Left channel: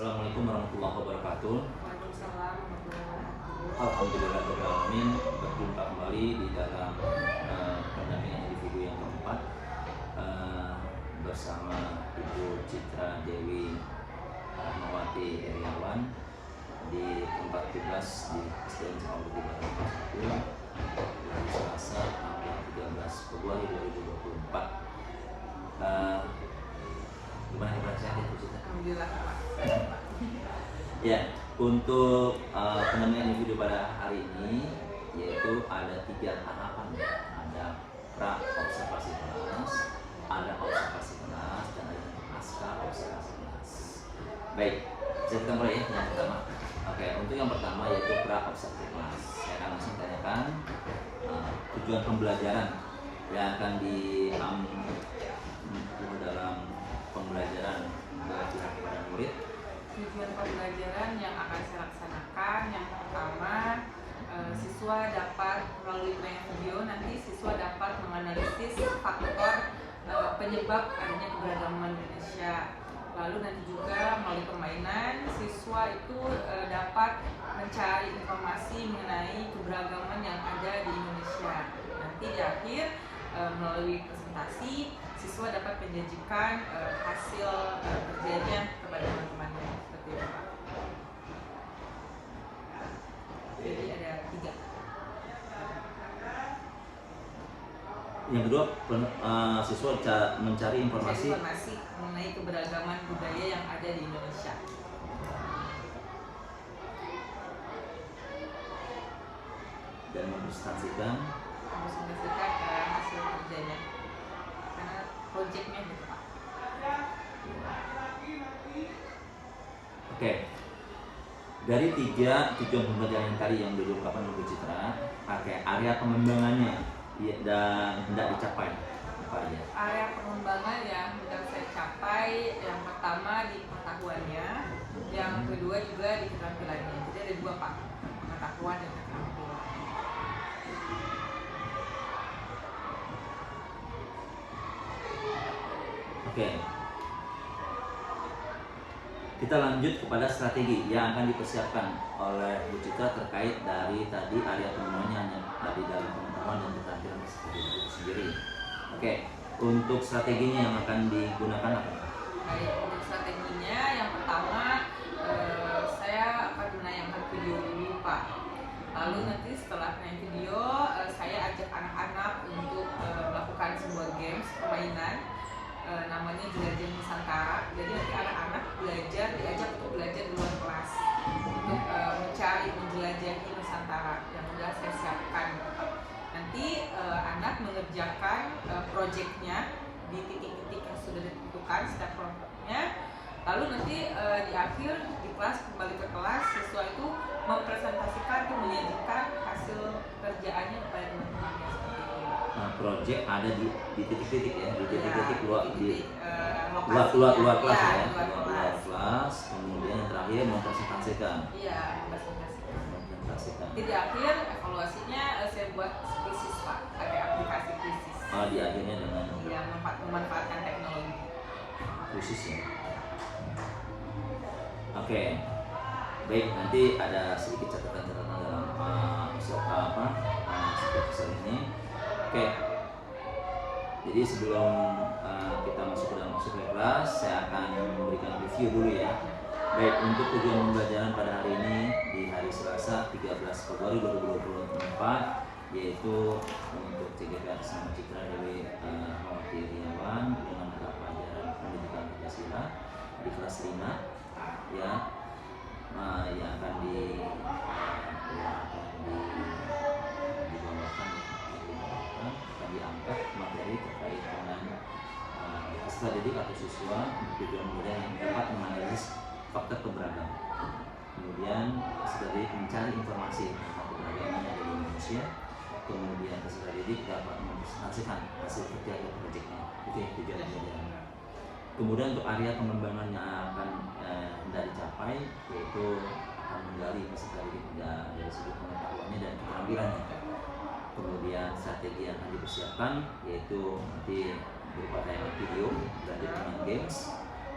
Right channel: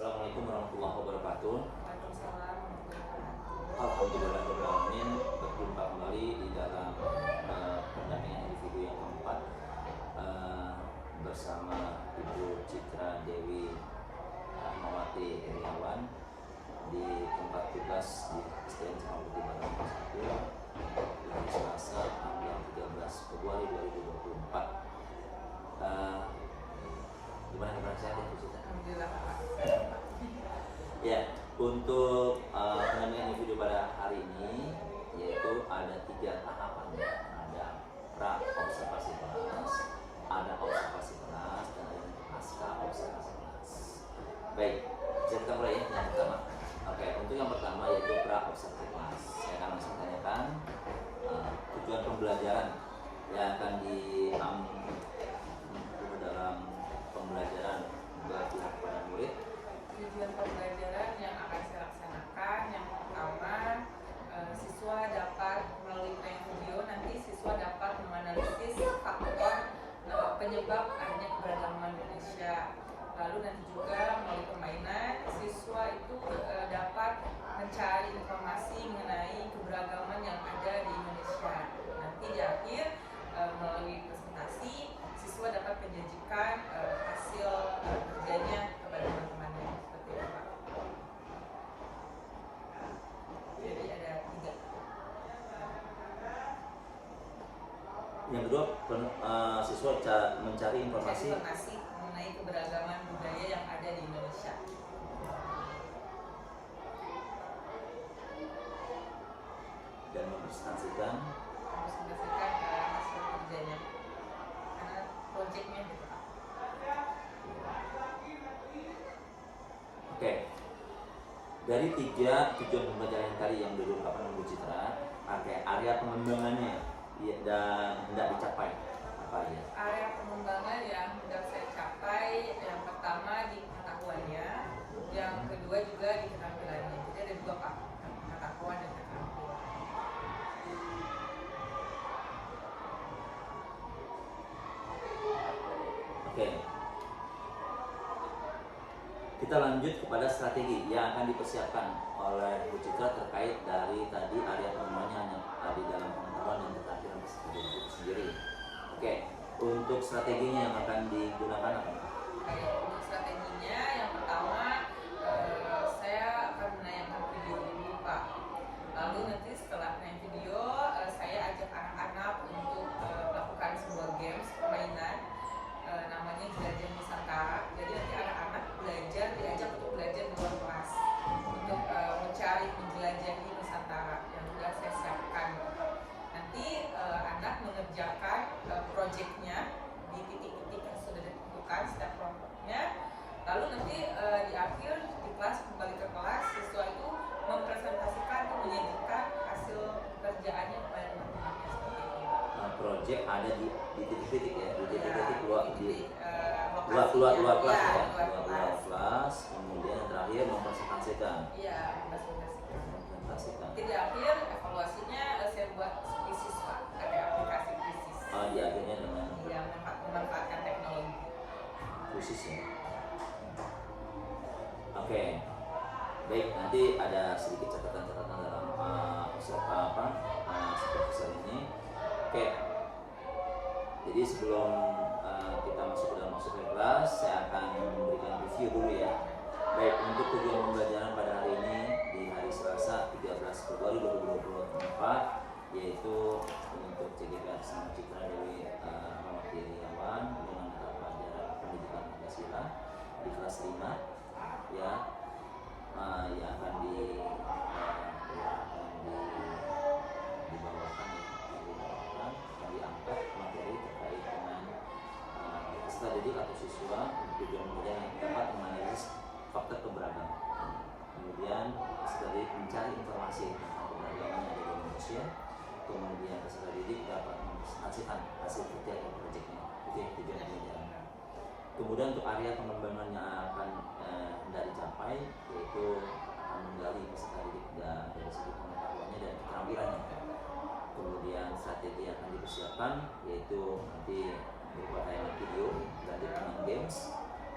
Assalamualaikum warahmatullahi wabarakatuh. Waalaikumsalam warahmatullahi wabarakatuh. Alhamdulillahirobbilalamin. Berjumpa kembali di dalam pendampingan individu yang keempat bersama Ibu Citra Dewi Rahmawati Heriawan di tempat tugas di SDN Cipambuti Barat 1 hari Selasa tanggal 13 Februari 2024. Gimana kabar sehat Ibu Citra? Alhamdulillah Pak. Ya, untuk pendampingan individu pada hari ini yaitu ada 3 tahapan. Ada pra observasi kelas, ada observasi kelas, dan ada pasca observasi kelas. Baik, kita mulai ya yang pertama. Oke, untuk yang pertama yaitu pra observasi kelas. Saya akan langsung tanyakan tujuan pembelajaran yang akan dalam pembelajaran berpihak kepada murid. Tujuan pembelajaran yang akan saya laksanakan yang pertama, siswa dapat melalui penilaian video nanti siswa dapat menganalisis faktor penyebab adanya keberagaman Indonesia. Lalu nanti juga melalui permainan siswa itu dapat mencari informasi mengenai keberagaman yang ada di Indonesia. Nanti di akhir melalui presentasi siswa dapat menjanjikan hasil kerjanya kepada teman-temannya. Seperti itu Pak. Jadi ada 3. Yang kedua, siswa mencari informasi mengenai keberagaman budaya yang ada di Indonesia. Dan mempresentasikan hasil kerjanya karena proyeknya gitu Pak. Oke. Dari 3 tujuan pembelajaran tadi yang diungkapkan Ibu Citra, area pengembangannya dan hendak dicapai apa ya? Area pengembangan yang hendak saya capai yang pertama di pengetahuannya, yang kedua juga di keterampilannya. Jadi ada 2 Pak, pengetahuan dan keterampilan. Oke. Kita lanjut kepada strategi yang akan dipersiapkan oleh Bu Citra terkait dari tadi area pengembangannya yang ada di dalam pengetahuan dan keterampilan sendiri. Oke, untuk strateginya yang akan digunakan apa? Baik, untuk strateginya yang pertama saya akan menayangkan video dulu Pak. Lalu nanti setelah menayang video saya ajak anak-anak untuk melakukan sebuah games permainan namanya Jelajah Nusantara. Jadi nanti anak-anak diajak untuk belajar di luar kelas untuk mencari menjelajahi Nusantara yang sudah saya siapkan. Nanti anak mengerjakan proyeknya di titik-titik yang sudah ditentukan step programnya. Lalu nanti di akhir di kelas kembali ke kelas siswa itu mempresentasikan atau menyajikan hasil kerjaannya kepada teman-temannya. Proyek ada di titik-titik ya, di titik-titik luar kelas luar ya, luar kelas. Kemudian yang terakhir mempresentasikan. Iya, mempresentasikan. Di akhir evaluasinya saya buat krisis Pak, ada aplikasi krisis. Di akhirnya dengan memanfaatkan teknologi. Krisis ya. Oke. Baik, nanti ada sedikit catatan-catatan dalam seperti ini. Oke, jadi sebelum kita masuk ke kelas, saya akan memberikan review dulu ya. Baik, untuk tujuan pembelajaran pada hari ini di hari Selasa 13 Februari 2024 yaitu untuk CGP atas nama Citra Dewi Rahmawati Heriawan dengan mata pelajaran Pendidikan Pancasila di kelas 5 ya, yang akan diangkat materi terkait dengan strategi atau siswa untuk tujuan pembelajaran yang dapat menganalisis faktor keberagaman. Kemudian strategi mencari informasi tentang keberagaman yang ada di Indonesia. Kemudian peserta didik dapat mempresentasikan hasil kerja atau proyeknya. Itu yang tujuan pembelajaran. Kemudian untuk area pengembangan yang akan hendak dicapai yaitu akan menggali peserta didik dari sudut pengetahuannya dan keterampilannya. Kemudian strategi yang akan dipersiapkan yaitu nanti berupa tayangan video, belajar dengan games,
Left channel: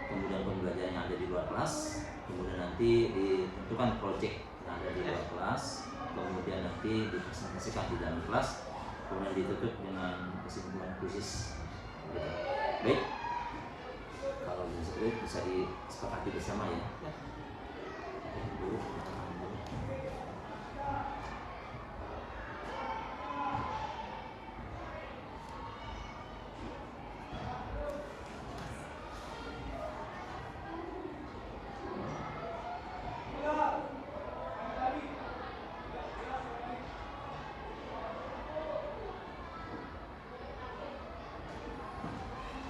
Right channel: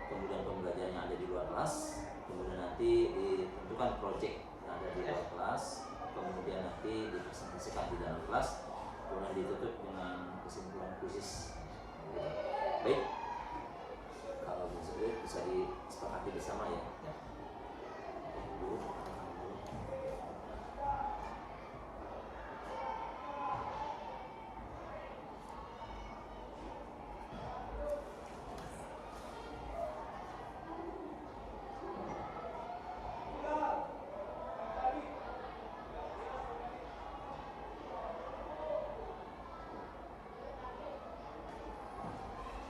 kemudian pembelajaran yang ada di luar kelas, kemudian nanti ditentukan project yang ada di luar kelas, kemudian nanti dipresentasikan di dalam kelas, kemudian ditutup dengan kesimpulan krisis. Gitu. Baik, kalau bisa disepakati bersama ya. Guru,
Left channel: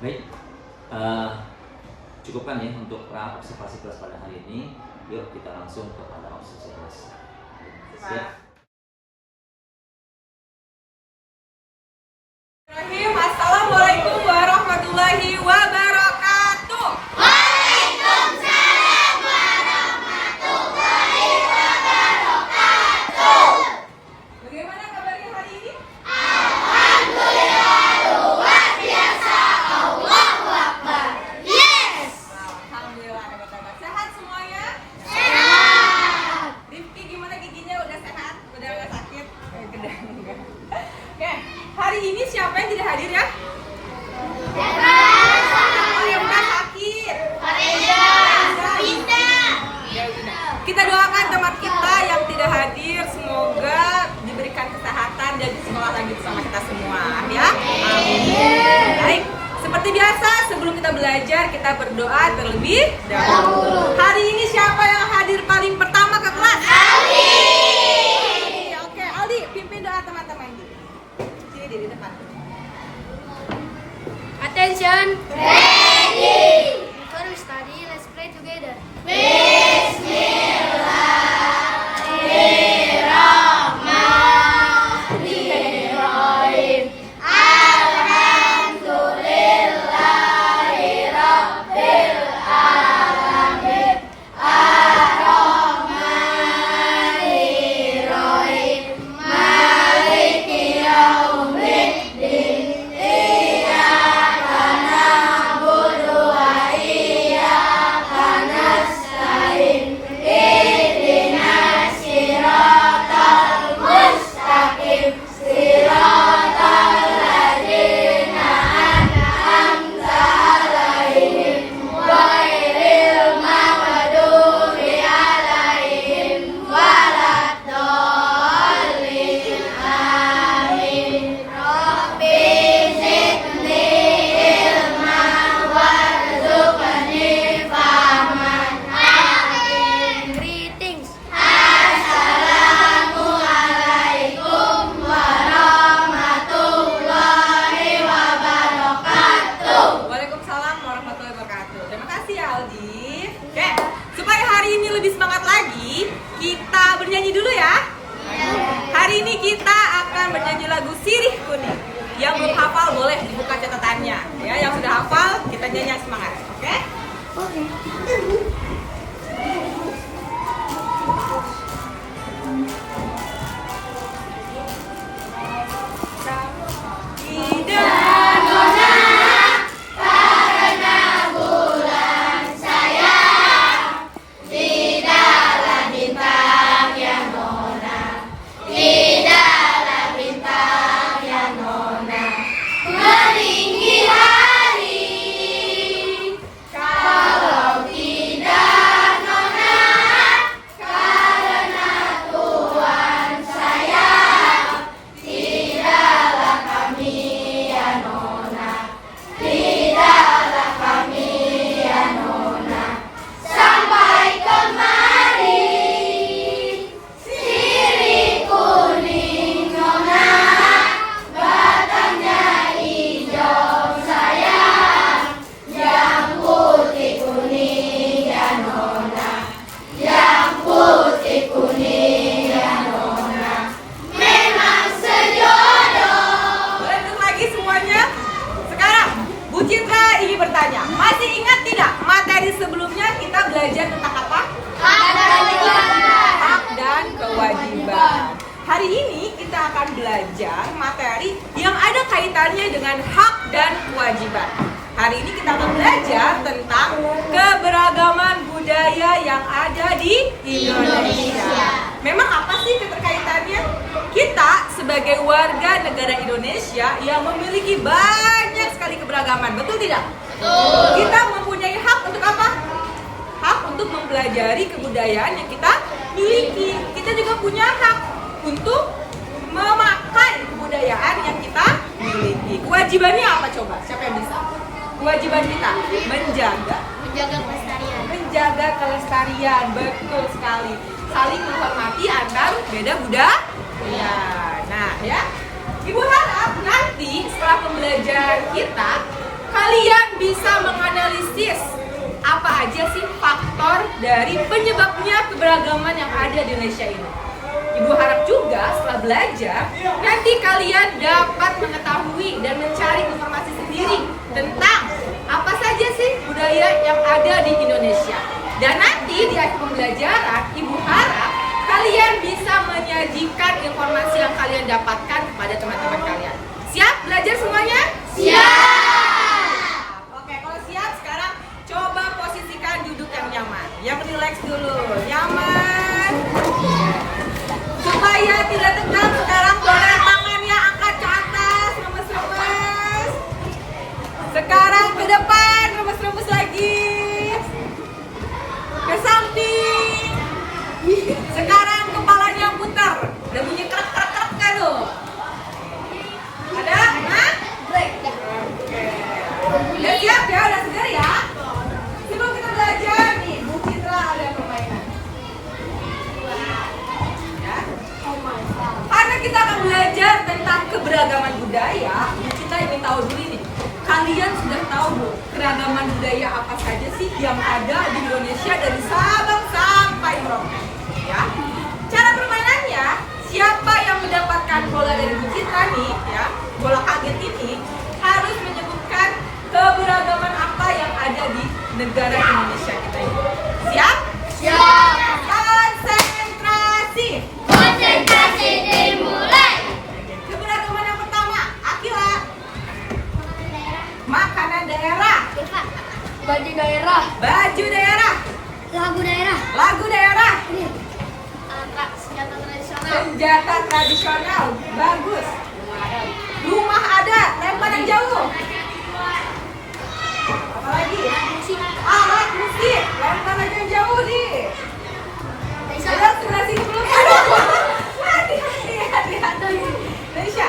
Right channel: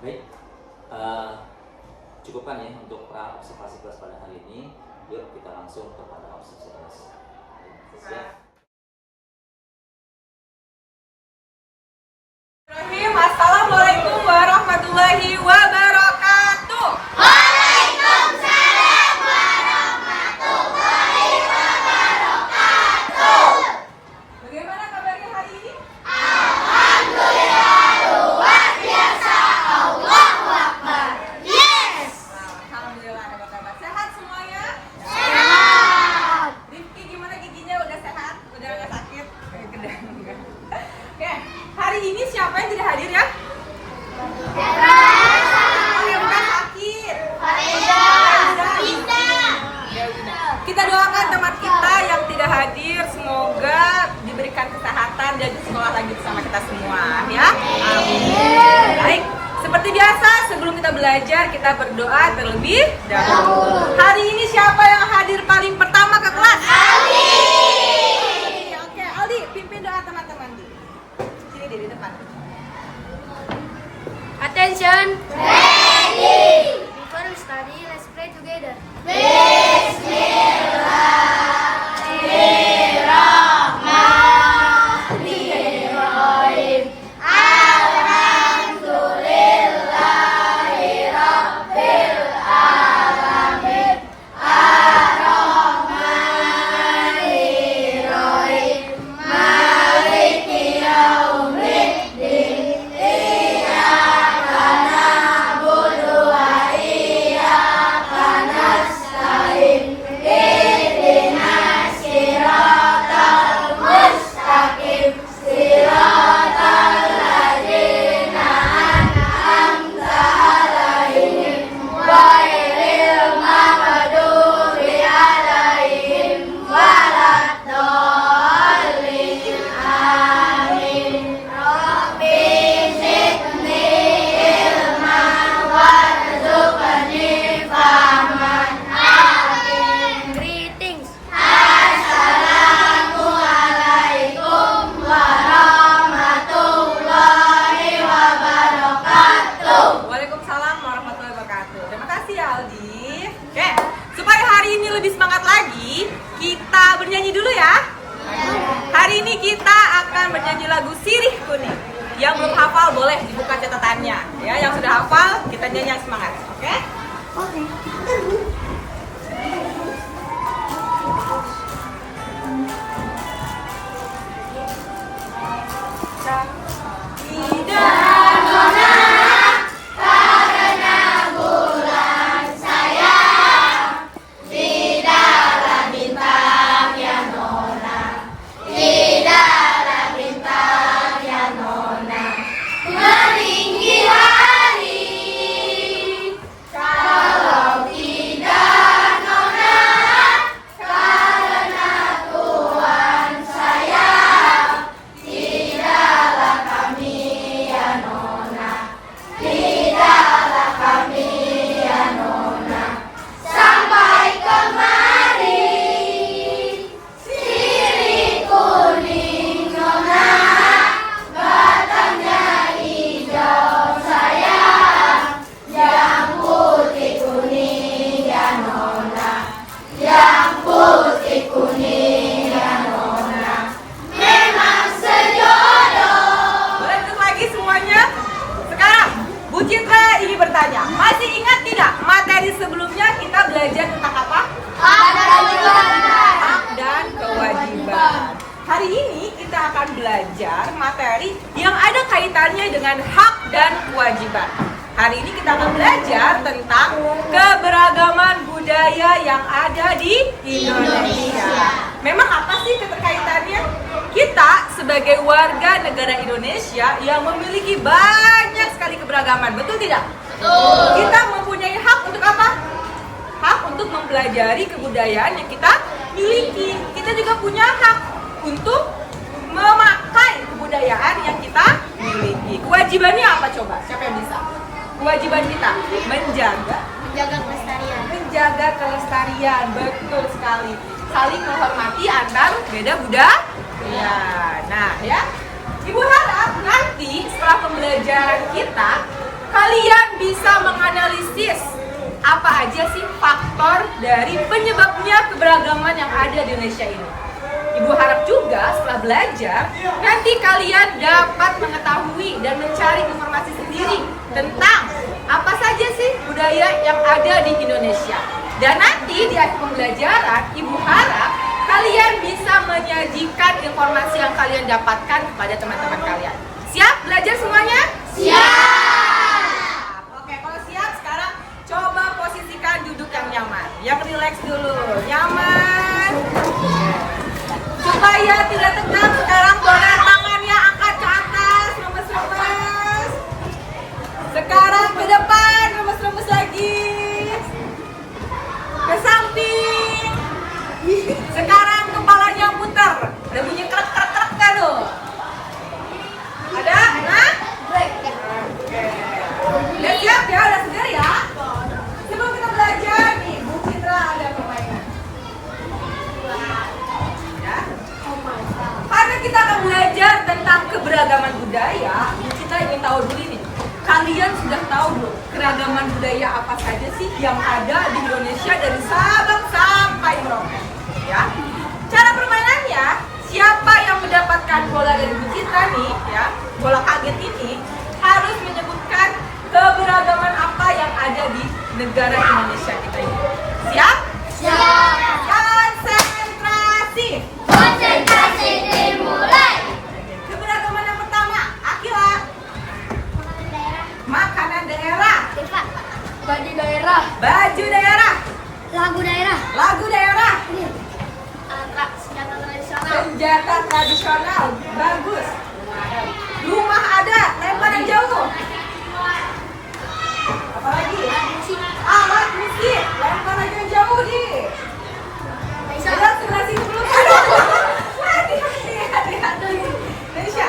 baik, cukupkan ya untuk observasi kelas pada hari ini. Yuk kita langsung kepada observasi kelas. Siap. Assalamualaikum warahmatullahi wabarakatuh. Waalaikumsalam warahmatullahi wabarakatuh. Bagaimana kabarnya hari ini? Alhamdulillah luar biasa. Allahu Akbar. Yes. Alhamdulillah ada kabar. Sehat semuanya? Sehat. Rifki gimana giginya? Udah sehat? Udah nggak sakit? Oke, hari ini siapa yang tidak hadir ya? Oh yang bukan sakit. Farida. Ya udah. Kita doakan teman kita yang tidak hadir, semoga diberikan kesehatan dan sekolah lagi bersama kita semua ya. Amin. Baik, seperti biasa sebelum kita belajar kita berdoa terlebih dahulu. Hari ini siapa yang hadir paling pertama ke kelas? Aldi. Oke, Aldi, pimpin doa teman-teman. Sini di depan. Attention! Ready. Before we study, let's pray together. Bismillahirrahmanirrahim. Alhamdulillahirabbil alamin. Ar-Rahmanirrahim. Maliki yaumiddin. Iyyaka na'budu wa iyyaka nasta'in. Ihdinas siratal mustaqim. Siratal ladzina an'amta 'alaihim ghairil maghdubi 'alaihim waladdallin. Amin. Rabbi zidni ilman warzuqni fahman. Amin. Greetings. Assalamualaikum warahmatullahi wabarakatuh. Waalaikumsalam warahmatullahi wabarakatuh. Terima kasih ya Aldi. Oke, supaya hari ini lebih semangat lagi, kita bernyanyi dulu ya. Hari ini kita akan bernyanyi lagu Sirih Kuning. Yang belum hafal boleh dibuka catatannya. Ya, yang sudah hafal kita nyanyi yang semangat. Oke? Tidak nona karena bulan sayang, tidaklah bintang ya nona, tidaklah bintang ya nona, meninggi hari. Kalau tidak nona karena Tuhan sayang, tidaklah kami ya nona, tidaklah kami ya nona, sampai kemari. Sirih kuning nona, batangnya hijau sayang, yang putih kuning ya nona, yang putih kuning ya nona, memang sejodoh. Boleh duduk lagi semuanya? Sekarang, Bu Citra ingin bertanya, masih ingat tidak materi sebelumnya kita belajar tentang apa? Hak dan kewajiban. Hari ini kita akan belajar materi yang ada kaitannya dengan hak dan kewajiban. Hari ini kita akan belajar tentang keberagaman budaya yang ada di Indonesia. Memang apa sih keterkaitannya? Kita sebagai warga negara Indonesia yang memiliki banyak sekali keberagaman, betul tidak? Betul. Kita mempunyai hak untuk apa? Hak untuk mempelajari kebudayaan yang kita miliki. Kita juga punya hak untuk memakai kebudayaan yang kita miliki. Kewajibannya apa coba? Siapa yang bisa? Kewajiban kita menjaga kelestarian, betul sekali. Saling menghormati antar beda budaya. Nah, ya. Ibu harap nanti setelah pembelajaran kita kalian bisa menganalisis apa aja sih faktor dari penyebabnya keberagaman yang ada di Indonesia ini. Ibu harap juga setelah belajar nanti kalian dapat mengetahui dan mencari informasi sendiri tentang apa saja sih budaya yang ada di Indonesia. Dan nanti di akhir pembelajaran Ibu harap kalian bisa menyajikan informasi yang kalian dapatkan kepada teman-teman kalian. Siap belajar semuanya? Siap. Oke, kalau siap sekarang coba posisikan duduk yang nyaman. Yang rileks dulu. Nyaman. Supaya tidak tegang, sekarang boleh tangannya angkat ke atas, remes-remes. Sekarang ke depan, remes-remes lagi. Ke samping. Sekarang kepalanya putar. Ada bunyi krek-krek-krek kan tuh? Ada? Enak? Oke. Udah siap ya? Udah segar ya? Sebelum kita belajar nih, Bu Citra ada permainan. Ya. Karena kita akan belajar tentang keberagaman budaya, kita ingin tahu dulu nih. Kalian sudah tahu belum keragaman budaya apa saja sih yang ada di Indonesia dari Sabang sampai Merauke? Ya. Cara permainannya, siapa yang mendapatkan bola dari Bu Citra nih, ya, bola kaget ini harus menyebutkan keberagaman apa yang ada di negara Indonesia kita ini. Siap? Siap. Konsentrasi. Konsentrasi dimulai. Keberagaman yang pertama, Akila. Makanan daerah. Baju daerah. Baju daerah. Lagu daerah. Lagu daerah. Senjata tradisional. Senjata tradisional. Bagus. Rumah adat. Lempar yang jauh. Apa lagi? Alat musik. Lempar lagi yang jauh di. Ada sebelah sini belum? Aduh. Hati-hati. Indonesia.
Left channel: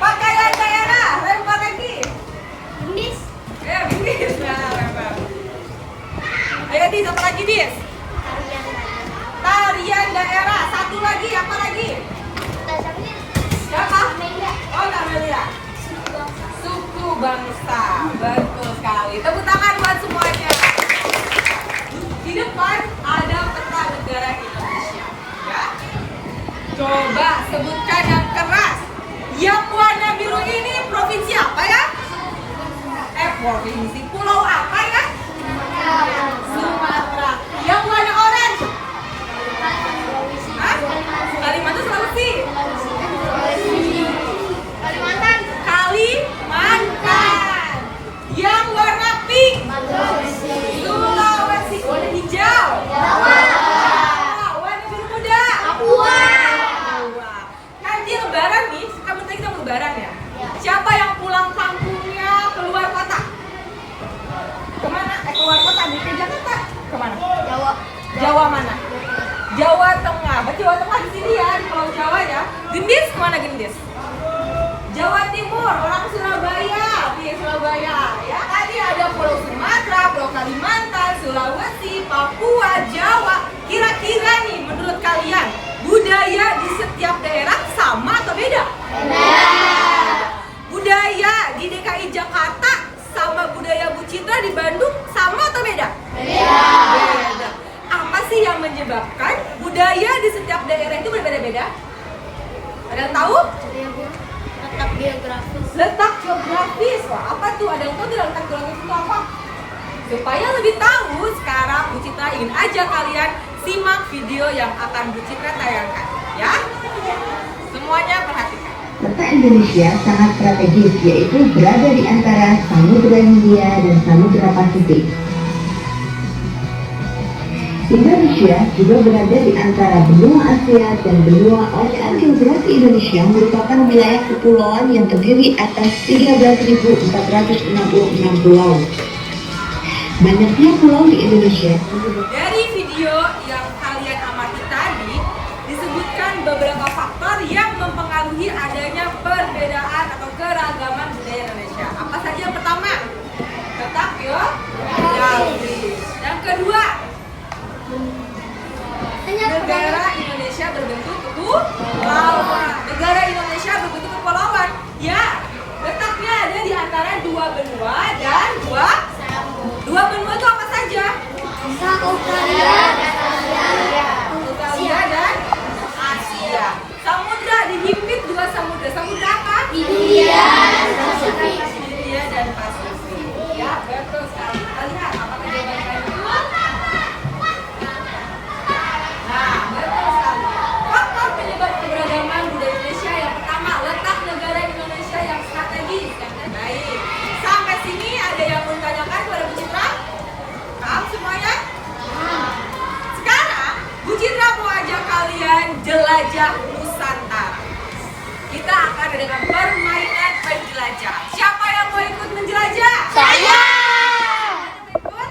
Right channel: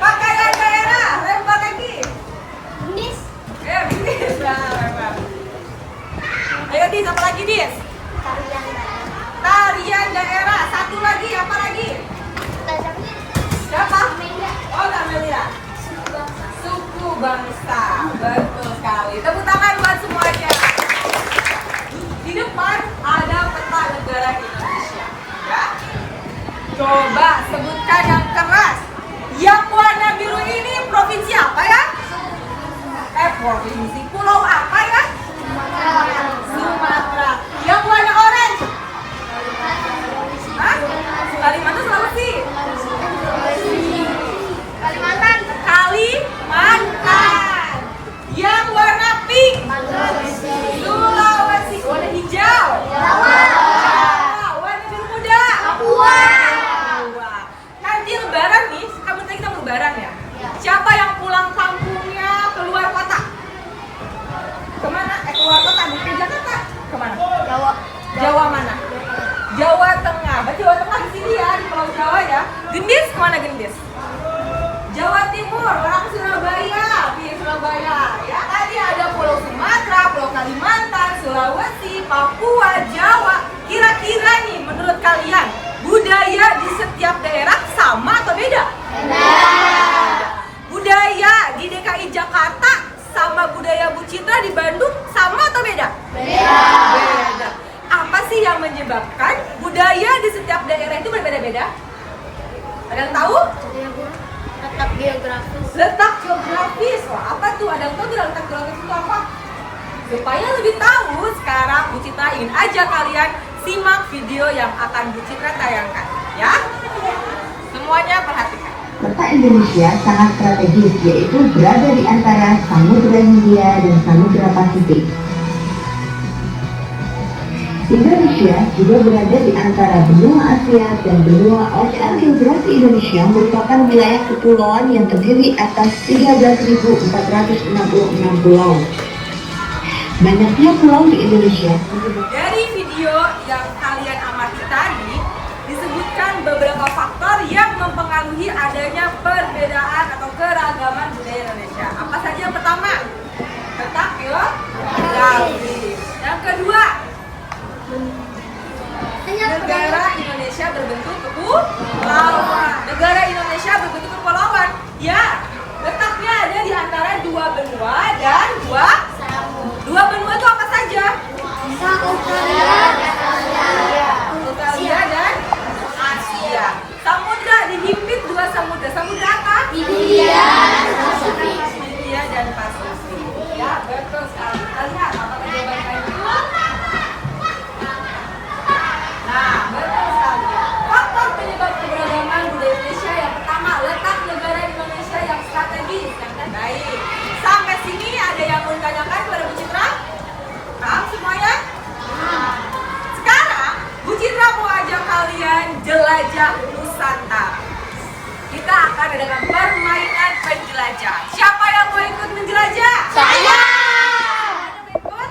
Pakaian daerah. Lempar lagi. Gendis. Gendis. Nah, lempar. Ayo Dis, apa lagi Dis? Tarian daerah. Satu lagi, apa lagi? Siapa? Oh, Amelia. Suku bangsa. Betul sekali. Tepuk tangan buat semuanya. Di depan ada peta negara Indonesia. Ya. Coba sebutkan yang keras. Yang warna biru ini provinsi apa ya? Provinsi. Pulau apa ya? Sumatera. Yang warna orange? Hah? Kalimantan, Sulawesi. Kalimantan. Yang warna pink? Sulawesi. Warna hijau? Warna biru muda? Nanti lebaran nih, kamu tadi kita mau lebaran ya? Siapa yang pulang kampungnya keluar kota? Kemana? Keluar kota, bukan Jakarta. Kemana? Jawa mana? Jawa Tengah. Berarti Jawa Tengah di sini ya, di Pulau Jawa ya. Gendis kemana Gendis? Jawa Timur, orang Surabaya. Iya Surabaya. Ya tadi ada Pulau Sumatera, Pulau Kalimantan, Sulawesi, Papua, Jawa. Kira-kira nih menurut kalian budaya di setiap daerah sama atau beda? Beda. Budaya di DKI Jakarta sama budaya Bu Citra di Bandung sama atau beda? Beda. Apa sih yang menyebabkan budaya di setiap daerah itu berbeda-beda? Ada yang tahu? Letak geografis. Letak geografis. Wah, apa tuh? Ada yang tahu tidak letak geografis itu apa? Supaya lebih tahu, sekarang Bu Citra ingin ajak kalian simak video yang akan Bu Citra tayangkan, ya. Semuanya perhatikan. Peta Indonesia sangat strategis, yaitu berada di antara Samudra Hindia dan Samudra Pasifik. Indonesia juga berada di antara benua Asia dan benua Oceania. Geografi Indonesia merupakan wilayah kepulauan yang terdiri atas 13.466 pulau. Banyaknya pulau di Indonesia. Dari video yang kalian amati tadi, disebutkan beberapa faktor yang mempengaruhi adanya perbedaan atau keragaman budaya Indonesia. Apa saja yang pertama? Letak geografis. Yang kedua, negara Indonesia berbentuk kepulauan. Negara Indonesia berbentuk kepulauan. Ya, letaknya ada di antara dua benua dan dua benua itu apa saja? Australia dan Asia. Samudra dihimpit dua samudra. Samudra apa? Hindia dan Pasifik. Ya, betul sekali. Kita lihat apakah jawaban kalian betul? Nah, betul sekali. Faktor penyebab keberagaman budaya Indonesia yang pertama, letak negara Indonesia yang strategis. Yang baik. Sampai sini ada yang mau ditanyakan kepada Bu Citra? Paham semuanya? Sekarang Bu Citra mau ajak kalian jelajah Nusantara. Kita akan adakan permainan penjelajah. Siapa yang mau ikut menjelajah? Saya. Ikut?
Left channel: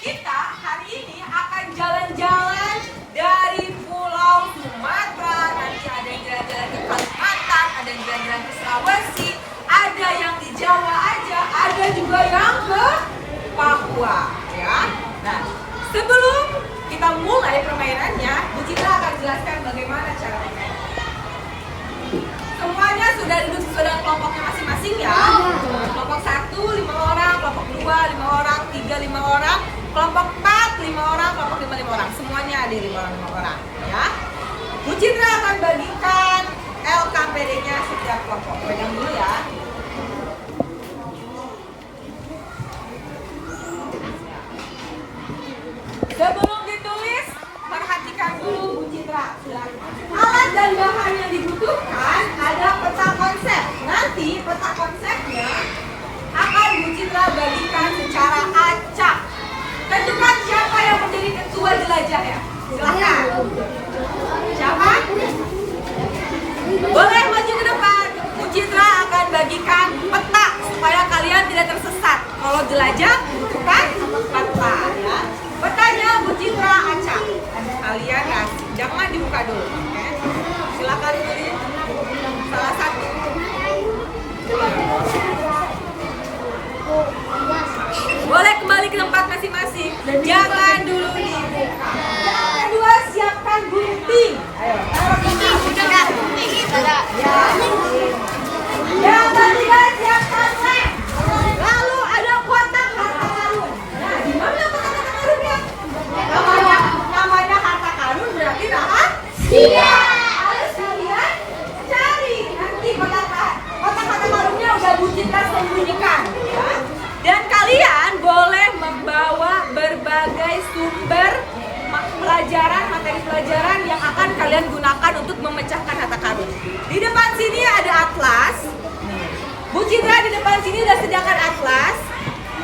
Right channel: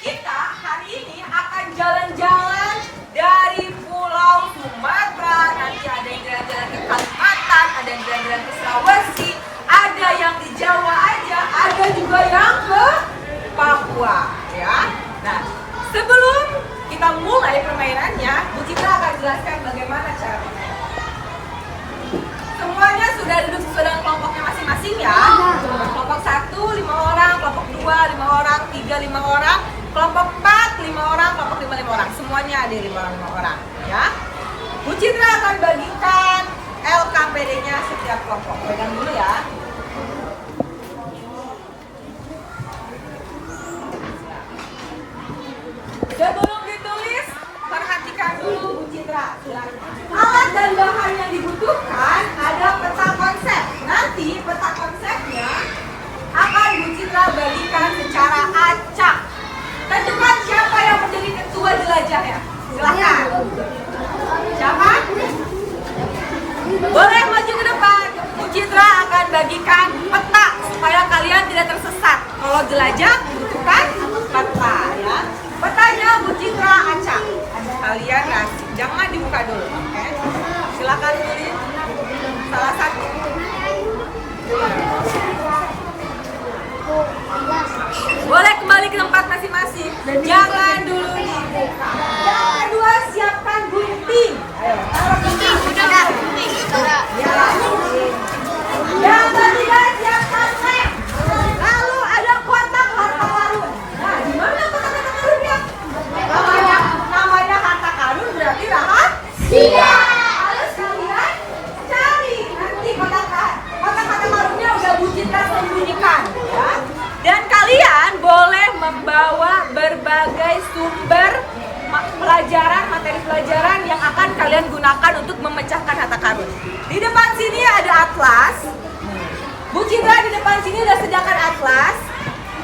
Kita hari ini akan jalan-jalan dari Pulau Sumatera. Nanti ada yang jalan-jalan ke Kalimantan, ada yang jalan-jalan ke Sulawesi, ada yang di Jawa aja, ada juga yang ke Papua, ya. Nah, sebelum kita mulai permainannya, Bu Citra akan jelaskan bagaimana cara bermain. Semuanya sudah duduk sesuai dengan kelompoknya masing-masing ya. Kelompok 1, 5 orang, kelompok 2, 5 orang, 3, 5 orang, kelompok 4, 5 orang, kelompok 5, 5 orang. Semuanya ada 5 orang, ya. Bu Citra akan bagikan LKPD-nya setiap kelompok. Pegang dulu ya. Sebelum ditulis, perhatikan dulu Bu Citra. Alat dan bahan yang dibutuhkan ada peta konsep. Nanti peta konsepnya akan Bu Citra bagikan secara acak. Tentukan siapa yang menjadi ketua jelajah ya. Silahkan. Siapa? Boleh maju ke depan. Bu Citra akan bagikan peta supaya kalian tidak tersesat. Kalau jelajah butuhkan peta ya. Petanya Bu Citra acak. Kalian kasih, jangan dibuka dulu, oke? Silakan pilih salah satu. Boleh kembali ke tempat masing-masing. Jangan dulu dibuka. Yang kedua, siapkan gunting. Ayo, taruh gunting. Udah, gunting. Ya. Yang ketiga, siapkan lem. Lalu ada kotak harta karun. Nah, di mana kotak harta karunnya? Namanya harta karun berarti rahasia. Harus kalian cari. Nanti kotak harta karunnya udah Bu Citra sembunyikan, ya. Dan kalian boleh membawa berbagai sumber materi pelajaran yang akan kalian gunakan untuk memecahkan harta karun. Di depan sini ada atlas. Bu Citra di depan sini udah sediakan atlas.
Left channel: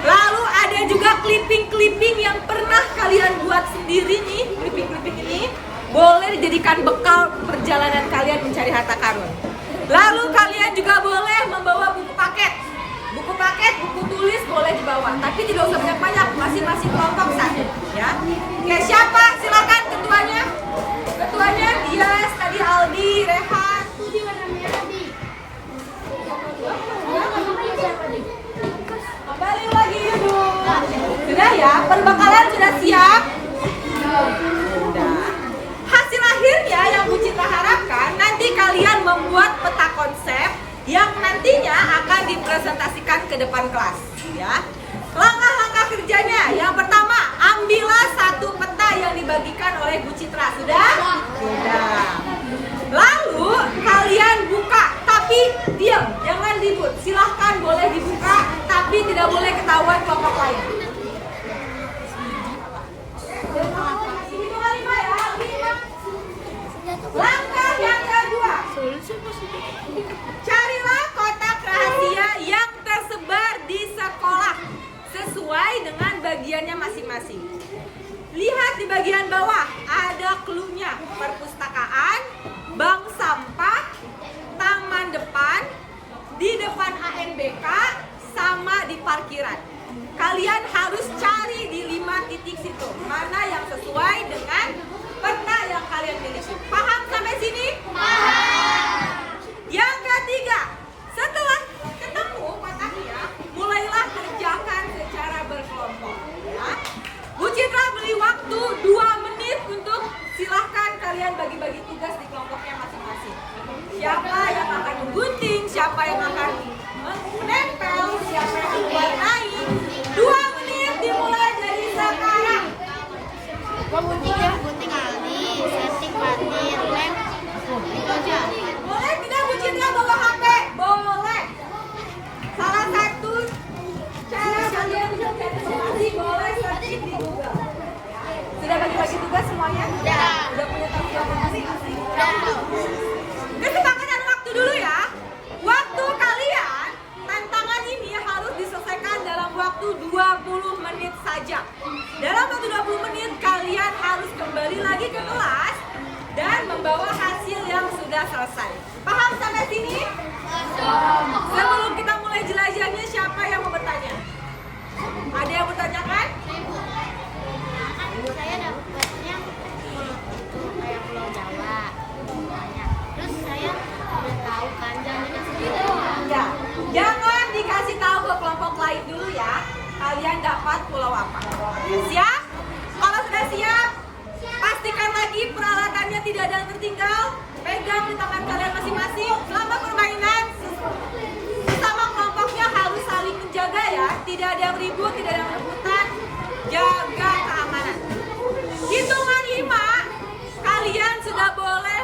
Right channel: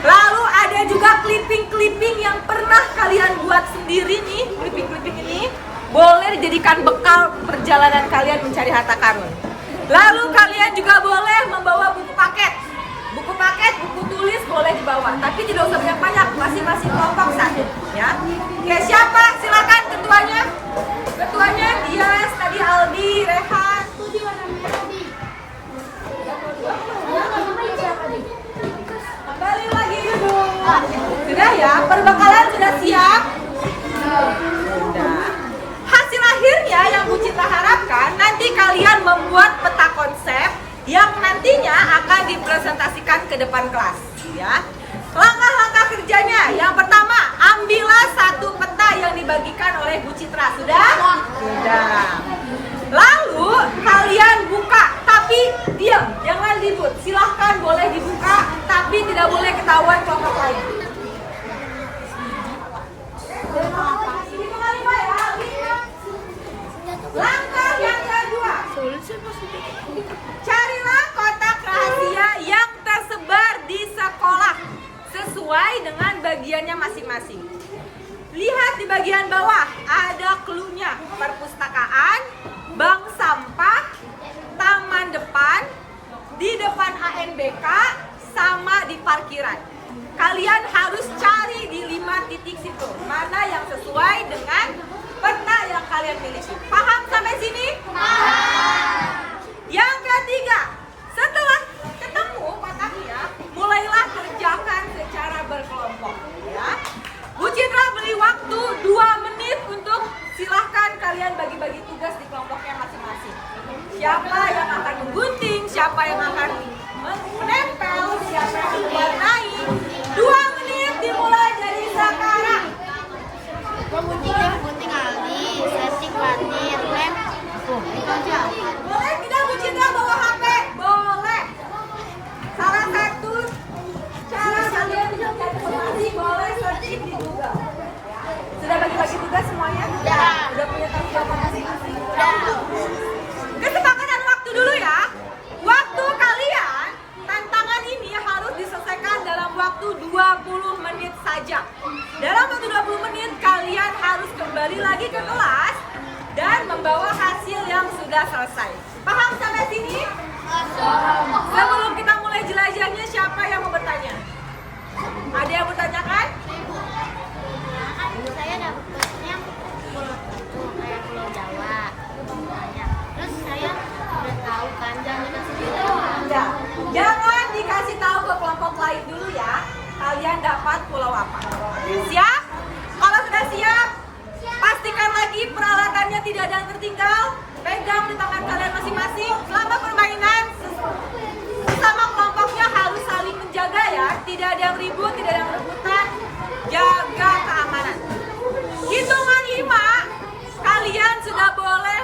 Lalu ada juga clipping-clipping yang pernah kalian buat sendiri nih. Clipping-clipping ini boleh dijadikan bekal perjalanan kalian mencari harta karun. Lalu kalian juga boleh membawa buku paket. Buku paket, buku tulis boleh dibawa, tapi tidak usah banyak-banyak, masing-masing kelompok satu, ya. Oke, siapa? Silakan ketuanya. Ketuanya Dias, tadi Aldi, Rehan. Kembali lagi dulu. Sudah ya, perbekalan sudah siap? Sudah. Hasil akhirnya yang Bu Citra harapkan nanti kalian membuat peta konsep yang nantinya akan dipresentasikan ke depan kelas, ya. Langkah-langkah kerjanya, yang pertama, ambillah satu peta yang dibagikan oleh Bu Citra. Sudah? Sudah. Lalu kalian buka, tapi diam, jangan ribut. Silahkan boleh dibuka, tapi tidak boleh ketahuan kelompok lain. Langkah yang kedua, Carilah kotak rahasia yang tersebar di sekolah sesuai dengan bagiannya masing-masing. Lihat di bagian bawah, ada clue-nya. Perpustakaan, bank sampah, taman depan, di depan ANBK, sama di parkiran. Kalian harus cari di 5 titik situ, mana yang sesuai dengan peta yang kalian miliki. Paham sampai sini? Yang ketiga, setelah ketemu kotaknya, mulailah kerjakan secara berkelompok. Ya. Bu Citra beri waktu 2 menit untuk silahkan kalian bagi-bagi tugas di kelompoknya masing-masing. Siapa yang akan menggunting, siapa yang akan menempel, siapa yang akan mewarnai. 2 menit dimulai dari sekarang. Gunting Aldi, setting patir, lem. Itu aja. Boleh tidak Bu Citra bawa HP? Boleh. Salah satu cara kalian masing-masing boleh searching di Google. Ya. Sudah bagi-bagi tugas semuanya? Sudah. Udah punya tanggung jawab masing-masing? Sudah. Kesepakatan waktu dulu ya. Waktu kalian, tantangan ini harus diselesaikan dalam waktu 20 menit saja. Dalam waktu 20 menit kalian harus kembali lagi ke kelas dan membawa hasil yang sudah selesai. Paham sampai sini? Sebelum kita mulai jelajahnya, siapa yang mau bertanya? Ada yang bertanyakan? Kan saya dapatnya pulau itu kayak Pulau Jawa. Banyak. Terus saya udah tahu kan jangan dikasih tahu. Enggak. Jangan dikasih tahu ke kelompok lain dulu ya. Kalian dapat pulau apa? Siap? Kalau sudah siap, pastikan lagi peralatannya tidak ada yang tertinggal. Pegang di tangan kalian masing-masing. Selama permainan, sesama kelompoknya harus saling menjaga ya. Tidak ada yang ribut, tidak ada yang rebutan. Jaga keamanan. Hitungan 5, kalian sudah boleh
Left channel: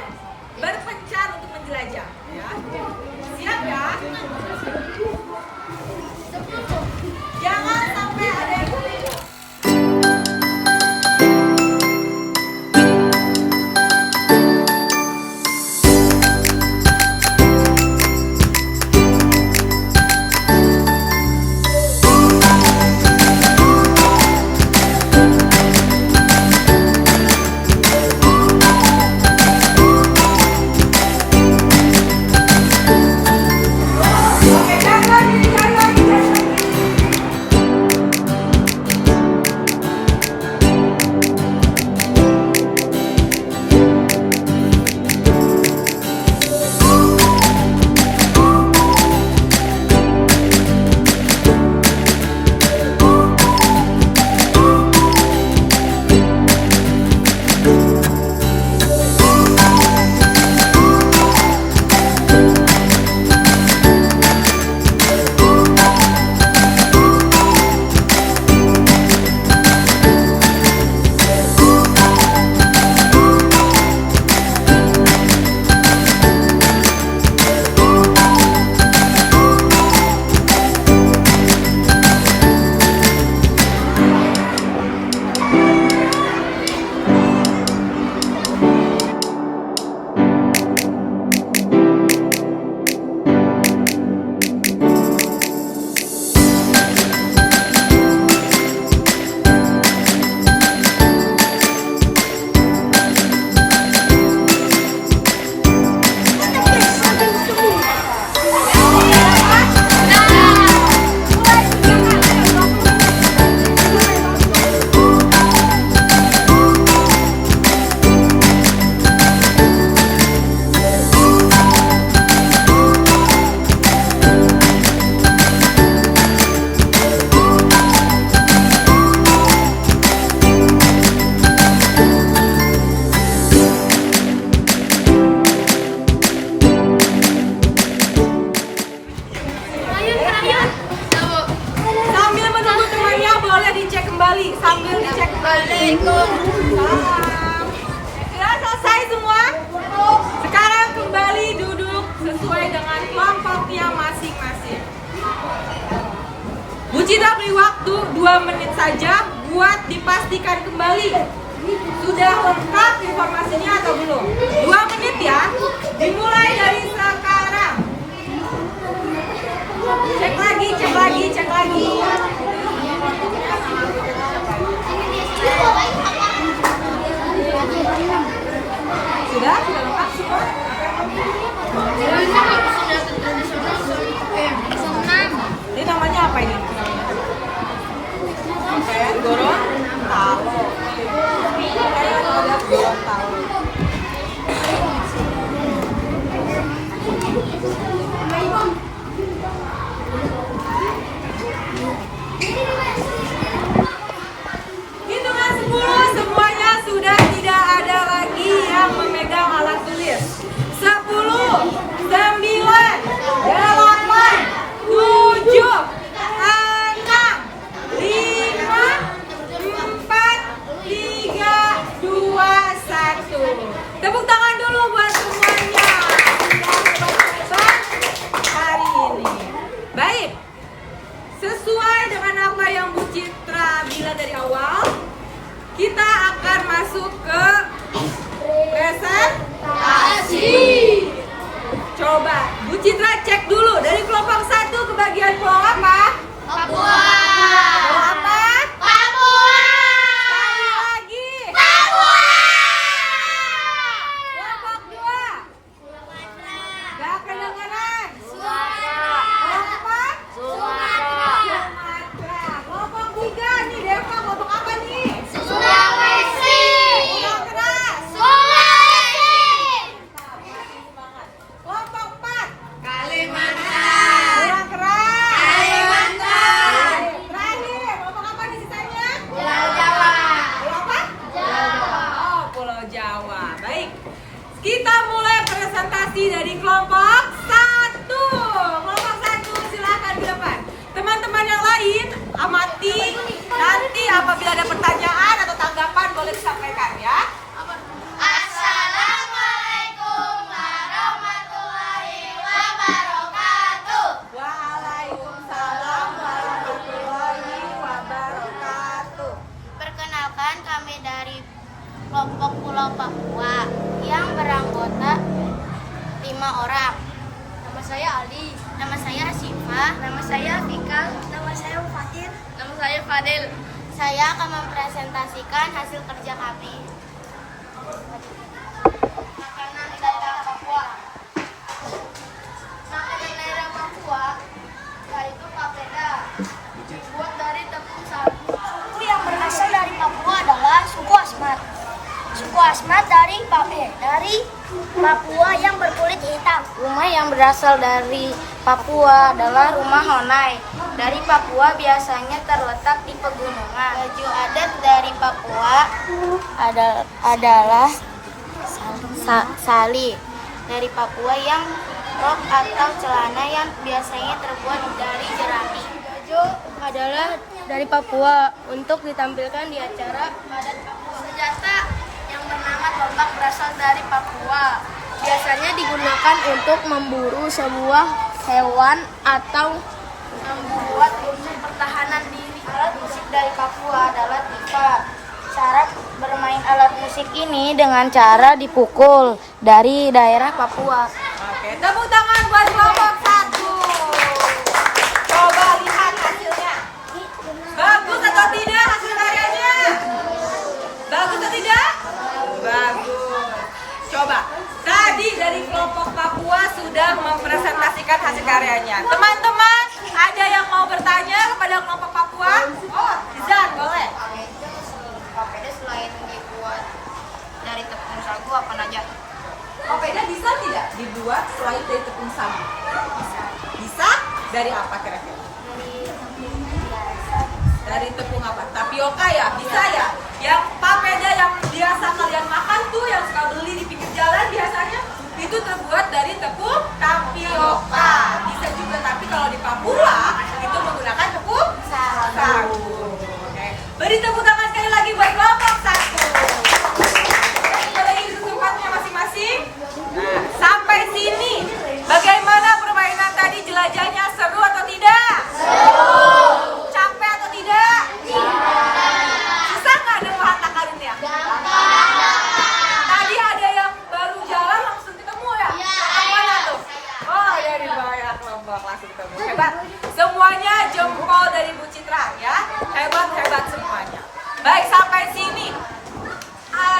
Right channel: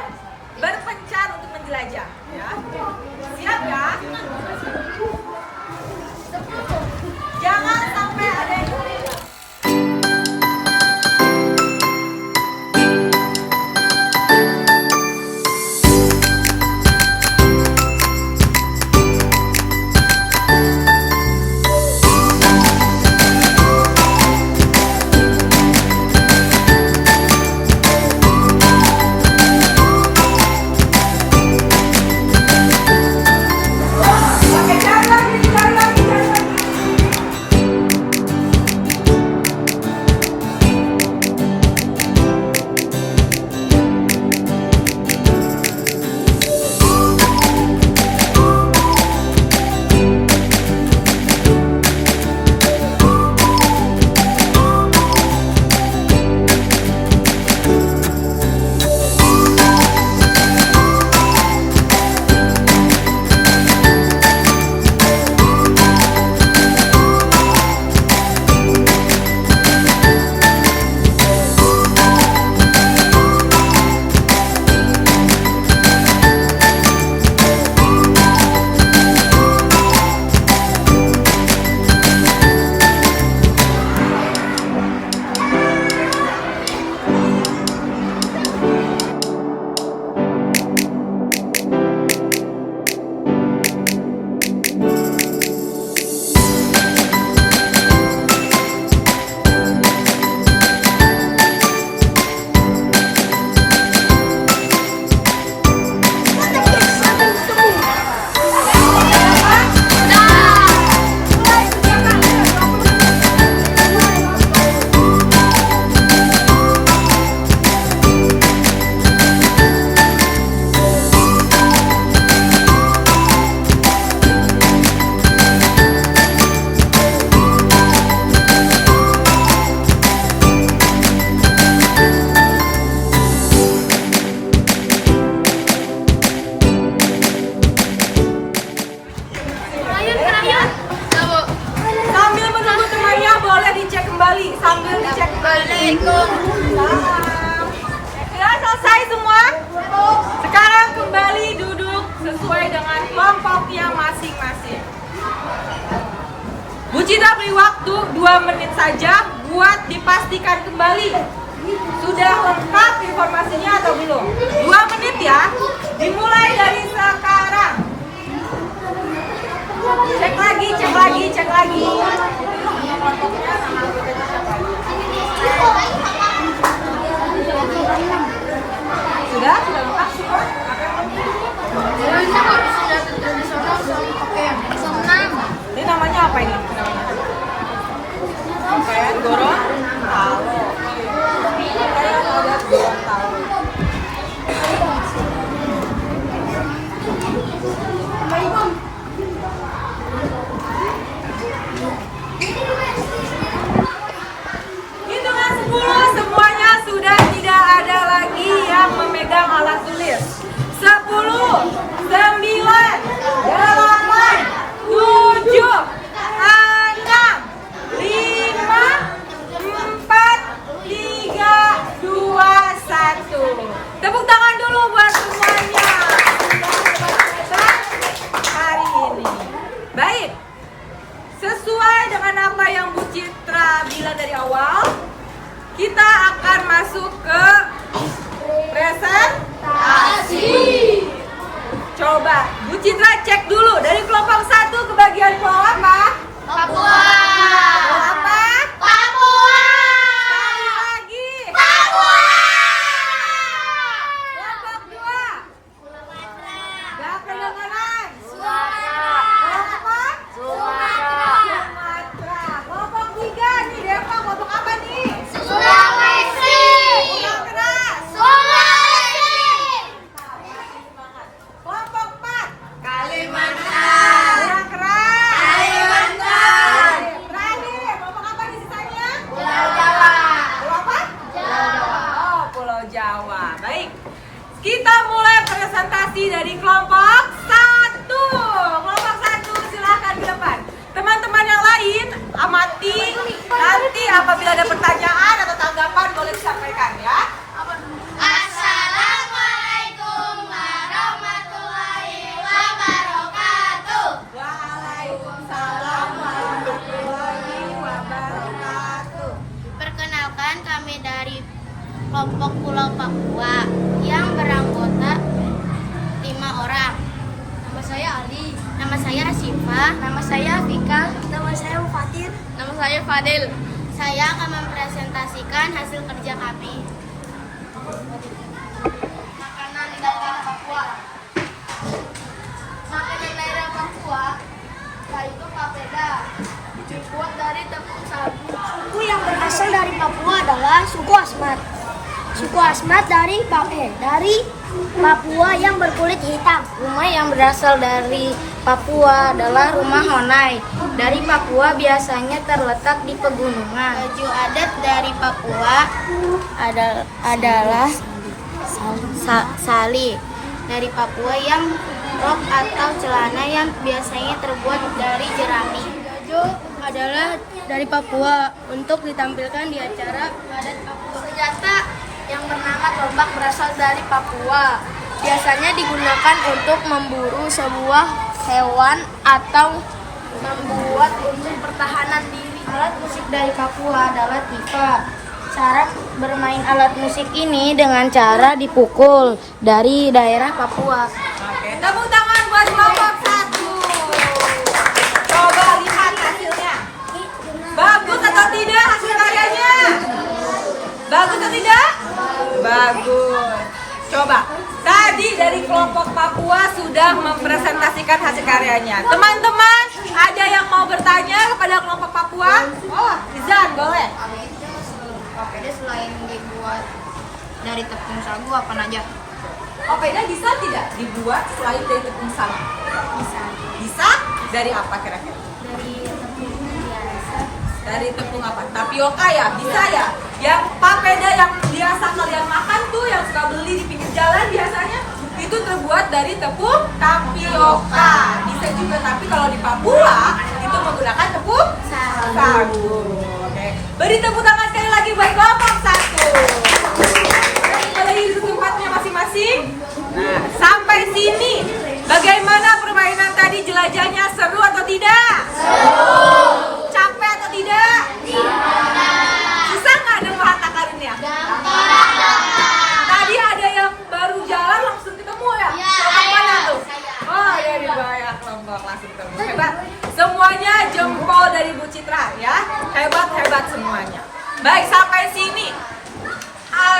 berpencar untuk menjelajah. Ya. Siap ya? Jangan sampai ada yang tertinggal. Oke, jangan lagi. kembali sambil dicek balik. Salam. Sudah selesai semua? Sekarang kembali duduk sesuai dengan kelompoknya masing-masing. Bu Citra beri waktu 2 menit saja buat dipastikan kembali sudah lengkap informasinya atau belum. 2 menit ya, dimulai dari sekarang. Cek lagi. Sudah lengkap semua? Apa yang penting? Ini namanya apa ini? Pakaian Gorontalo. Pakaian adat Gorontalo. Hitungan 10, semuanya sudah tidak ada lagi yang memegang alat tulis. 10, 9, 8, 7, 6, 5, 4, 3, 2, 1. Tepuk tangan dulu buat semuanya. Hari ini. Baik. Sesuai dengan apa yang Bu Citra bilang dari awal, kita akan masuk ke presentasi. Coba Bu Citra cek dulu dari kelompok 1 ke bagian pulau apa? Papua. Pulau apa? Papua. Sekali lagi. Papua. Kelompok 2. Gak kedengeran. Sumatera. Kelompok apa? Sumatera. Sumatera. Kelompok 3 nih, Deva kelompok apa nih? Sulawesi. Yang keras. Sulawesi. Kelompok 4. Kalimantan. Yang keras. Kalimantan. Terakhir, kelompok apa nih sisanya? Pulau Jawa. Pulau apa? Jawa. Oh, Pulau Jawa. Baik. Kita mulai presentasi dari kelompok 1. Kelompok 1 silakan ke depan. Teman-teman yang lain amati, nanti apabila ada pertanyaan atau tanggapan boleh disampaikan ya. Assalamualaikum warahmatullahi wabarakatuh. Waalaikumsalam warahmatullahi wabarakatuh. Perkenalkan, kami dari kelompok Pulau Papua yang beranggota 5 orang. Nama saya Aldi. Nama saya Asifa. Nama saya Vika. Nama saya Fatin. Nama saya Fadil. Saya akan mempresentasikan hasil kerja kami. Makanan daerah Papua. Makanan daerah Papua yaitu papeda, dibuat dari tepung sagu. Suku yang berasal dari Papua adalah suku Asmat. Suku Asmat dari Papua yang berkulit hitam. Rumah yang berasal dari Papua adalah rumah Honai. Dari Papua biasanya terletak di pegunungan. Baju adat dari Papua adalah sali. Dari Papua yang rok atau celana yang biasanya terbuat dari jerami. Baju adalah dari Papua untuk ditampilkan di acara adat Papua. Senjata yang bernama tombak berasal dari Papua. Biasanya digunakan untuk memburu sebuah hewan atau membuat untuk pertahanan diri. Alat musik dari Papua adalah tipa. Cara bermain alat musik ini dengan cara dipukul dari daerah Papua. Oke, tepuk tangan buat kelompok 1. Coba lihat hasilnya. Bagus atau tidak hasil karyanya? Bagus atau tidak? Bagus. Coba. Tadi dari kelompok Papua sudah mempresentasikan hasil karyanya. Teman-teman, ada yang mau bertanya kepada kelompok Papua? Oh, Izan, boleh. Papeda selain dibuat dari tepung sagu apa aja? Papeda bisa tidak dibuat selain dari tepung sagu? Bisa. Bisa? Dari apa kira-kira? Dari tepung biasa. Dari tepung apa? Tapioka ya? Bisa ya? Yang papeda yang biasa kalian makan tuh yang suka beli di pinggir jalan biasanya itu terbuat dari tepung tapioka. Bisa juga, tapi kalau di Papua itu menggunakan tepung sagu. Oke. Beri tepuk tangan sekali lagi buat kelompok 1. Pada duduk tempatnya masing-masing. Nah, sampai sini bagaimana permainan tadi, jelajahnya seru atau tidak? Seru. Capek atau tidak? Susah nggak dengar harta karunnya? Tadi ada yang baru jalan langsung ketemu ya? Kelompok mana tuh? Oh iya, di daerah kelompok langsung ketemu. Hebat. Citra ya. Hebat semuanya. Baik, sampai sini.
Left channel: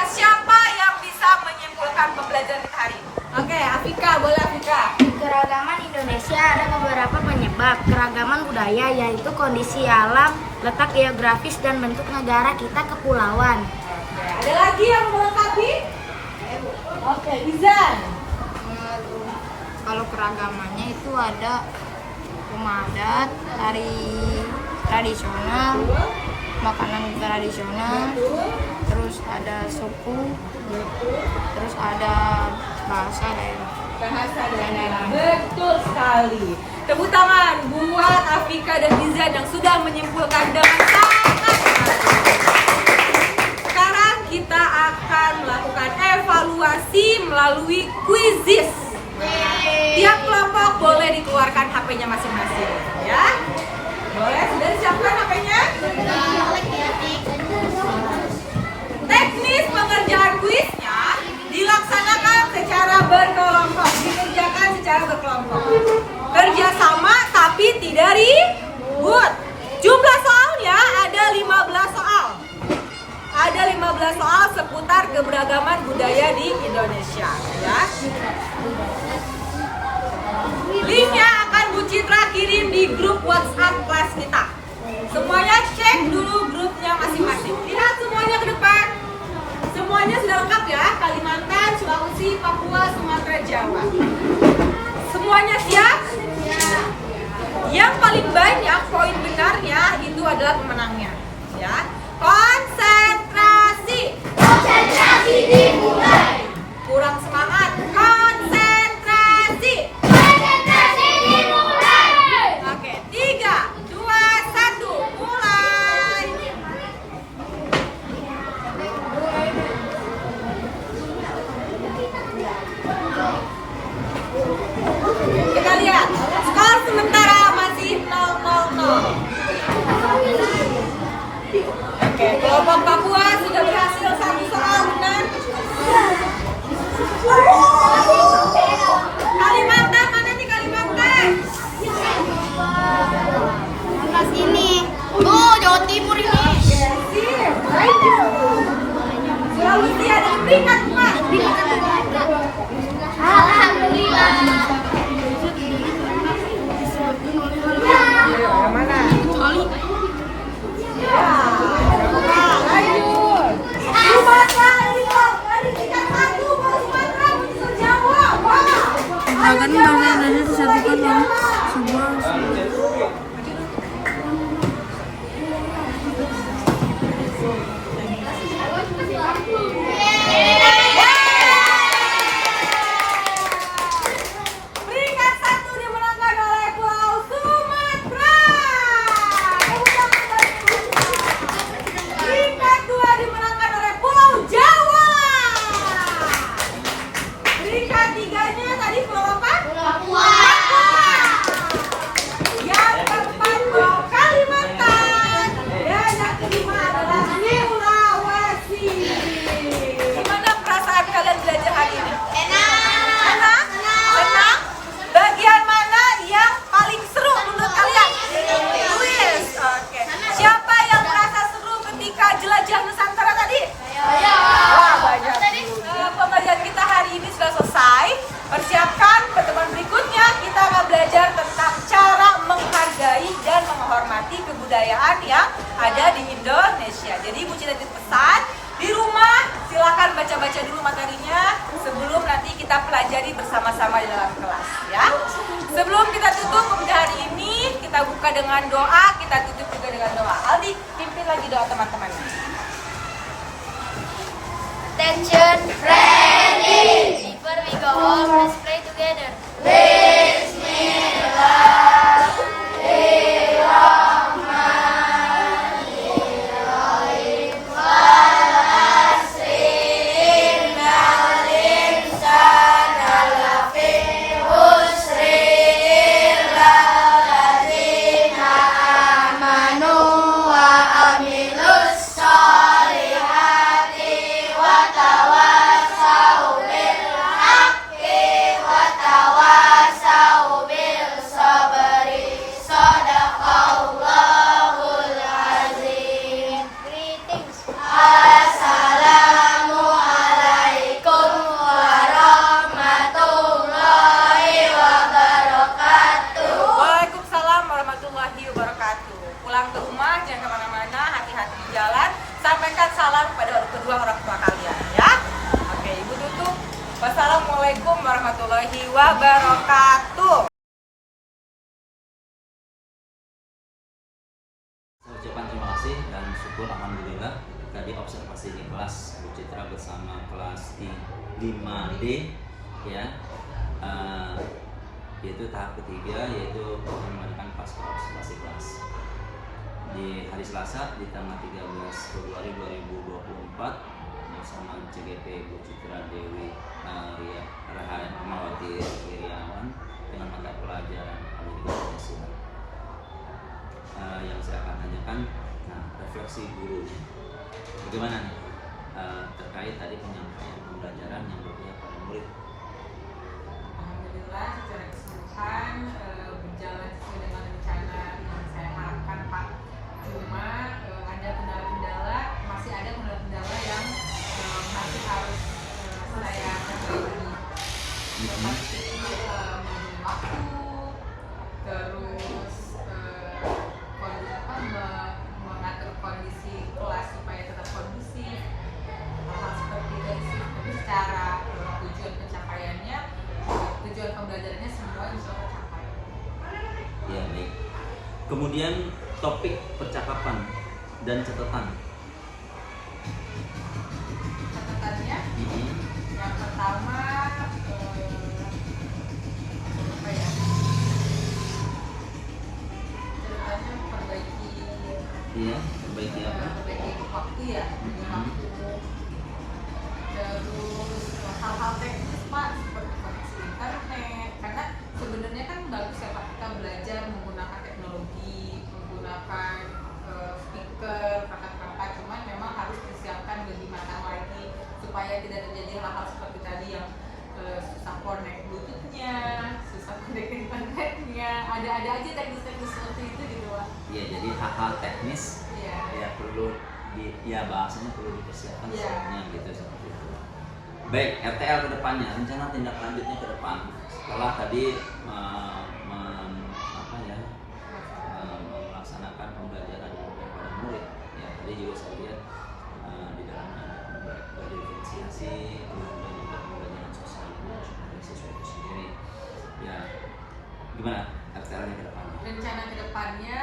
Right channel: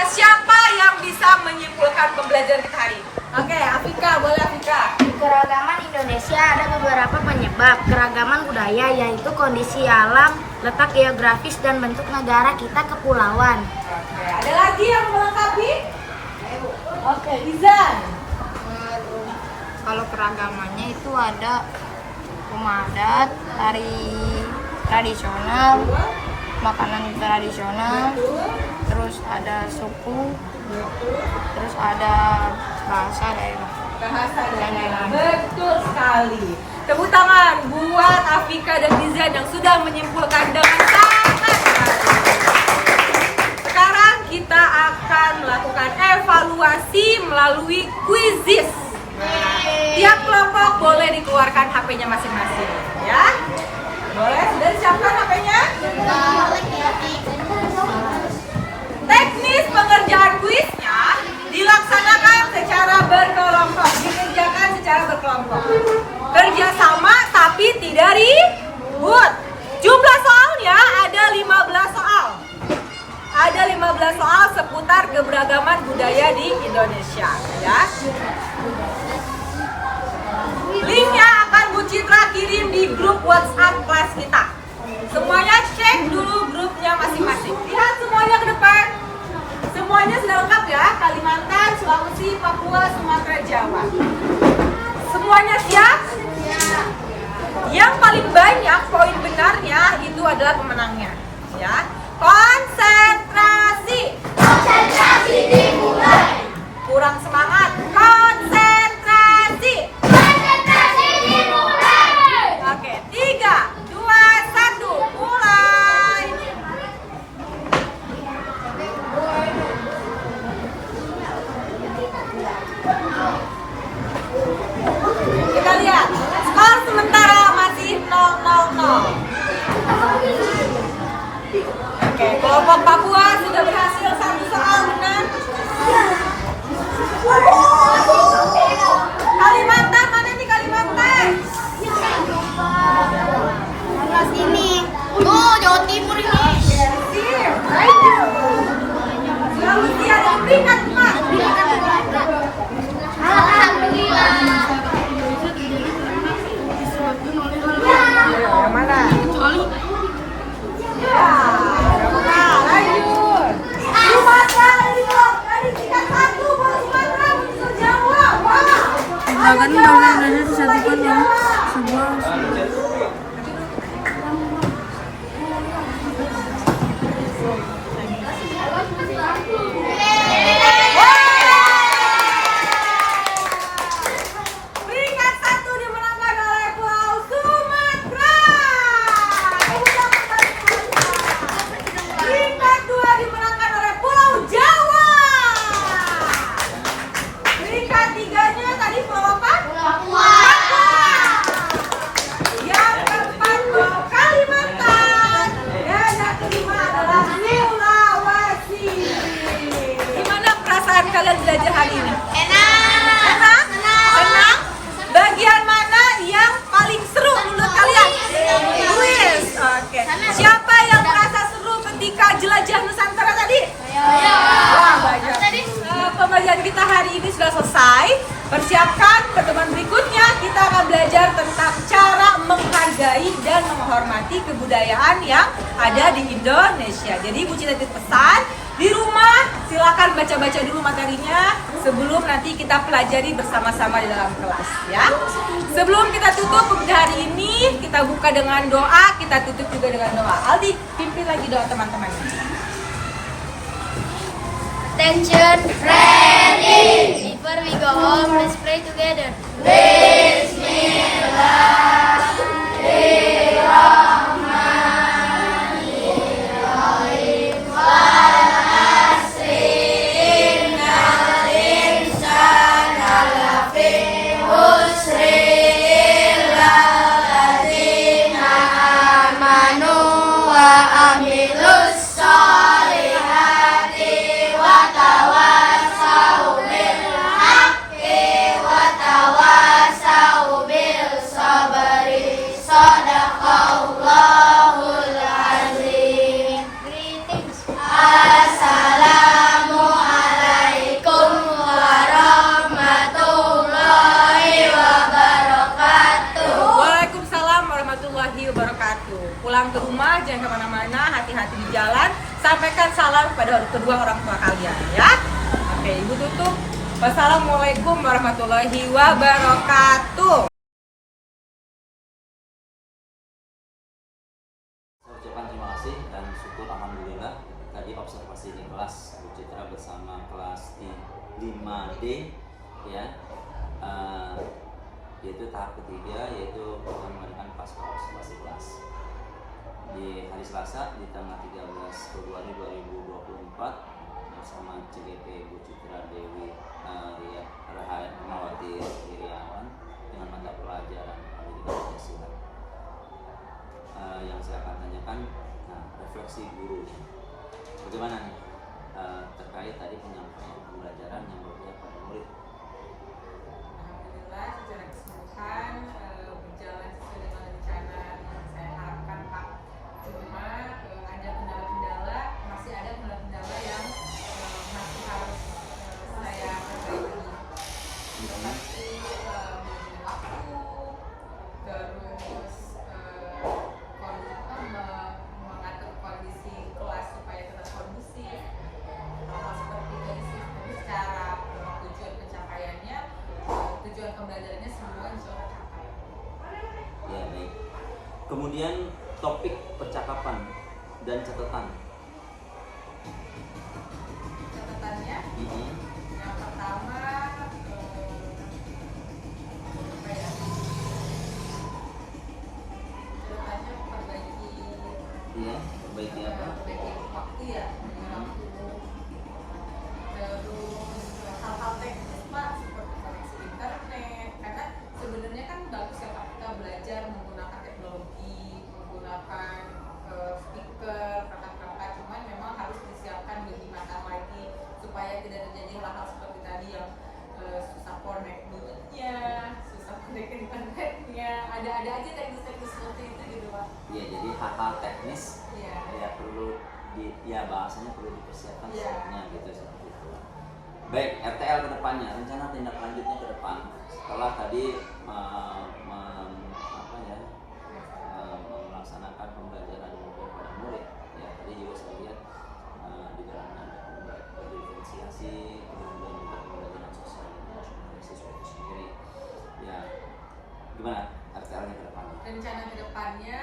Siapa yang bisa menyimpulkan pembelajaran kita hari ini? Oke, Afika, boleh Afika. Di keragaman Indonesia ada beberapa penyebab keragaman budaya, yaitu kondisi alam, letak geografis, dan bentuk negara kita kepulauan. Ada lagi yang melengkapi? Oke, Izan. Kalau keragamannya itu ada rumah adat, tari tradisional, makanan tradisional, terus ada suku, terus ada bahasa daerah. Betul sekali. Tepuk tangan buat Afika dan Izan yang sudah menyimpulkan dengan sangat baik. Sekarang kita akan melakukan evaluasi melalui quizzes. Nah, tiap kelompok boleh dikeluarkan HP-nya masing-masing, ya. Boleh, sudah disiapkan HP-nya? Teknis pengerjaan kuisnya dilaksanakan secara berkelompok, dikerjakan secara berkelompok. Kerjasama tapi tidak ribut. Jumlah soalnya ada 15 soal. Ada 15 soal seputar keberagaman budaya di Indonesia, ya. Linknya akan Bu Citra kirim di grup WhatsApp kelas kita. Semuanya cek dulu grupnya masing-masing. Lihat semuanya ke depan. Semuanya sudah lengkap ya. Kalimantan, Sulawesi, Papua, Sumatera, Jawa. Semuanya siap? Yang paling banyak poin benarnya itu adalah pemenangnya. Ya. Konsentrasi. Konsentrasi dimulai. Kurang semangat. Konsentrasi. Konsentrasi dimulai. Oke, 3, 2, 1, mulai. Kita lihat, skor sementara masih 0-0. Oke, kelompok Papua sudah berhasil satu soal dengan Kalimantan. Mana nih Kalimantan? Kelas ini. Oh, Jawa Timur ini. Sulawesi ada peringkat 4. Alhamdulillah. Yang mana? Akan bangunan disatukan dalam sebuah Peringkat 1 dimenangkan oleh Pulau Sumatera. Peringkat 2 dimenangkan oleh Pulau Jawa. Peringkat 3-nya tadi Pulau apa? Papua. Yang keempat Pulau Kalimantan. Dan yang kelima adalah Sulawesi. Gimana perasaan kalian belajar hari ini? Enak? Senang? Bagian mana yang paling seru menurut kalian? Kuis. Oke. Siapa yang merasa seru ketika jelajah Nusantara tadi? Pembelajaran kita hari ini sudah selesai. Persiapkan pertemuan berikutnya. Kita akan belajar tentang cara menghargai dan menghormati kebudayaan yang ada di Indonesia. Jadi Bu Citra titip pesan, di rumah silakan baca-baca dulu materinya sebelum nanti kita pelajari bersama-sama di dalam kelas, ya. Sebelum kita tutup pembelajaran hari ini, kita buka dengan doa, kita tutup juga dengan doa. Aldi, pimpin lagi doa teman-teman. Attention. Ready. Before we go home, let's pray together. Tawasau bil sabri, sadaqallah. pulang ke rumah jangan kemana-mana, hati-hati di jalan. Sampaikan salam kepada kedua orang tua kalian ya. Oke, Ibu tutup. Wassalamualaikum warahmatullahi wabarakatuh. Ucapan terima kasih dan syukur alhamdulillah tadi observasi di kelas Bu Citra bersama kelas 5D ya, yaitu tahap ketiga, yaitu mengadakan pasca observasi kelas di hari Selasa di tanggal 13 Februari 2024 bersama CGP Bu Citra Dewi Rahmawati Wirawan dengan mata pelajaran Pendidikan Pancasila. Yang saya akan tanyakan, refleksi guru bagaimana nih terkait tadi penyampaian pembelajaran yang berpihak pada murid. Alhamdulillah secara keseluruhan berjalan sesuai dengan rencana yang saya harapkan Pak. Cuma ada kendala-kendala, masih ada kendala-kendala yang masih harus saya perbaiki. Waktu, terus mengatur kondisi kelas supaya tetap kondusif, hal seperti itu sih. Tapi secara tujuan pencapaiannya, tujuan pembelajarannya semua bisa tercapai. Ya baik. Kemudian topik percakapan dan catatan. Catatannya yang pertama apa ya? Catatannya perbaiki Iya, perbaiki apa? waktu ya, waktu. Terus hal-hal teknis Pak seperti koneksi internet, karena sebenarnya kan bagus ya Pak kita belajar menggunakan teknologi, menggunakan speaker, perangkat-perangkat, cuman memang harus disiapkan lebih matang lagi supaya tidak terjadi hal-hal seperti tadi yang susah connect bluetoothnya, susah connect internetnya, ada aja teknis-teknis seperti itu gitu Pak. Iya, jadi hal-hal teknis Iya. ya perlu bahasanya perlu dipersiapkan Iya. sebelumnya gitu seperti itu. Baik, RTL ke depannya, rencana tindak lanjutnya ke depan setelah tadi melaksanakan pembelajaran kepada murid ya, tadi juga saya lihat di dalamnya ada berdifferensiasi, kemudian juga pembelajaran sosial emosional siswa itu sendiri ya. Gimana RTL-nya ke depannya? Rencana kedepannya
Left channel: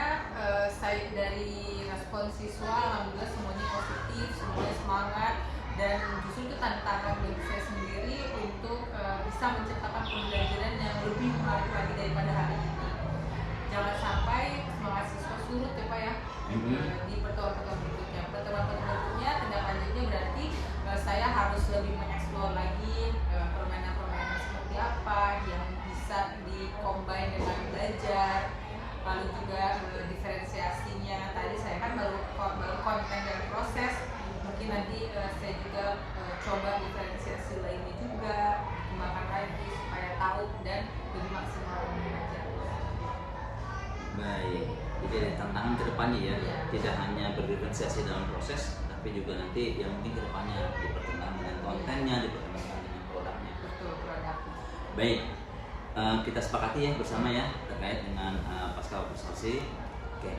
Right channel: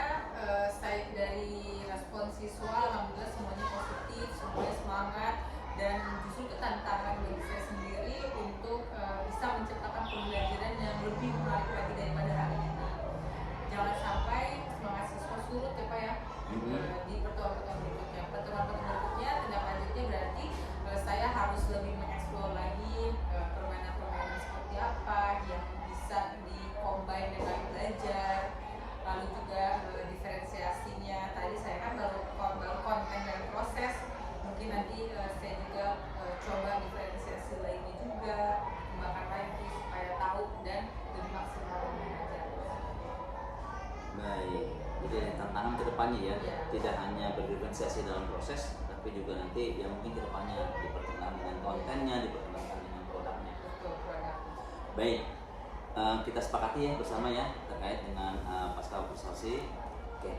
saya dari respon siswa alhamdulillah semuanya positif, semuanya semangat, dan justru itu tantangan bagi saya sendiri untuk bisa menciptakan pembelajaran yang lebih menarik lagi daripada hari ini. Jangan sampai semangat siswa surut ya Pak ya di pertemuan-pertemuan berikutnya. Pertemuan-pertemuan berikutnya tindak lanjutnya berarti saya harus lebih mengeksplor lagi permainan-permainan seperti apa yang bisa dikombin dengan belajar, lalu juga diferensiasinya. Tadi saya kan baru konten dari proses, mungkin nanti saya juga coba diferensiasi lainnya juga, kembangkan lagi supaya tahu dan lebih maksimal dalam belajar. Baik, jadi ada tantangan ke depannya ya, Iya. tidak hanya berdiferensiasi dalam proses, tapi juga nanti yang mungkin ke depannya dipertimbangkan dengan kontennya, dipertimbangkan dengan produknya. Betul, produk. Baik, kita sepakati ya bersama ya terkait dengan pasca observasi. Oke.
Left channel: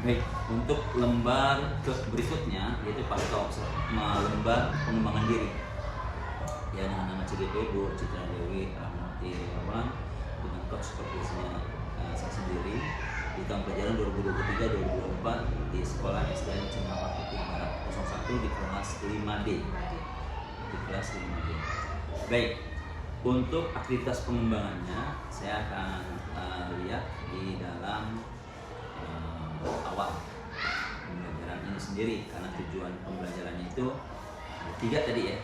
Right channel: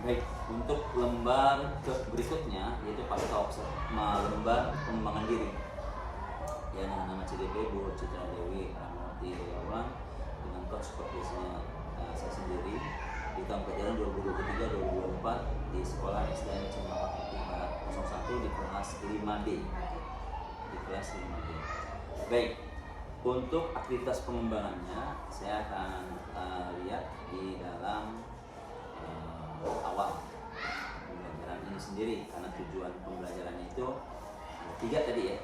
Baik, untuk lembar berikutnya yaitu pasca lembar pengembangan diri ya, dengan nama CGP Bu Citra Dewi Rahmawati Wirawan dengan coach supervisornya saya sendiri di tahun pelajaran 2023-2024 di Sekolah SDN Cemara Putih Barat 01 di kelas 5D. Di kelas 5D. Baik, untuk aktivitas pengembangannya saya akan lihat di dalam awal pembelajaran ini sendiri, karena tujuan pembelajarannya itu ada 3 tadi ya,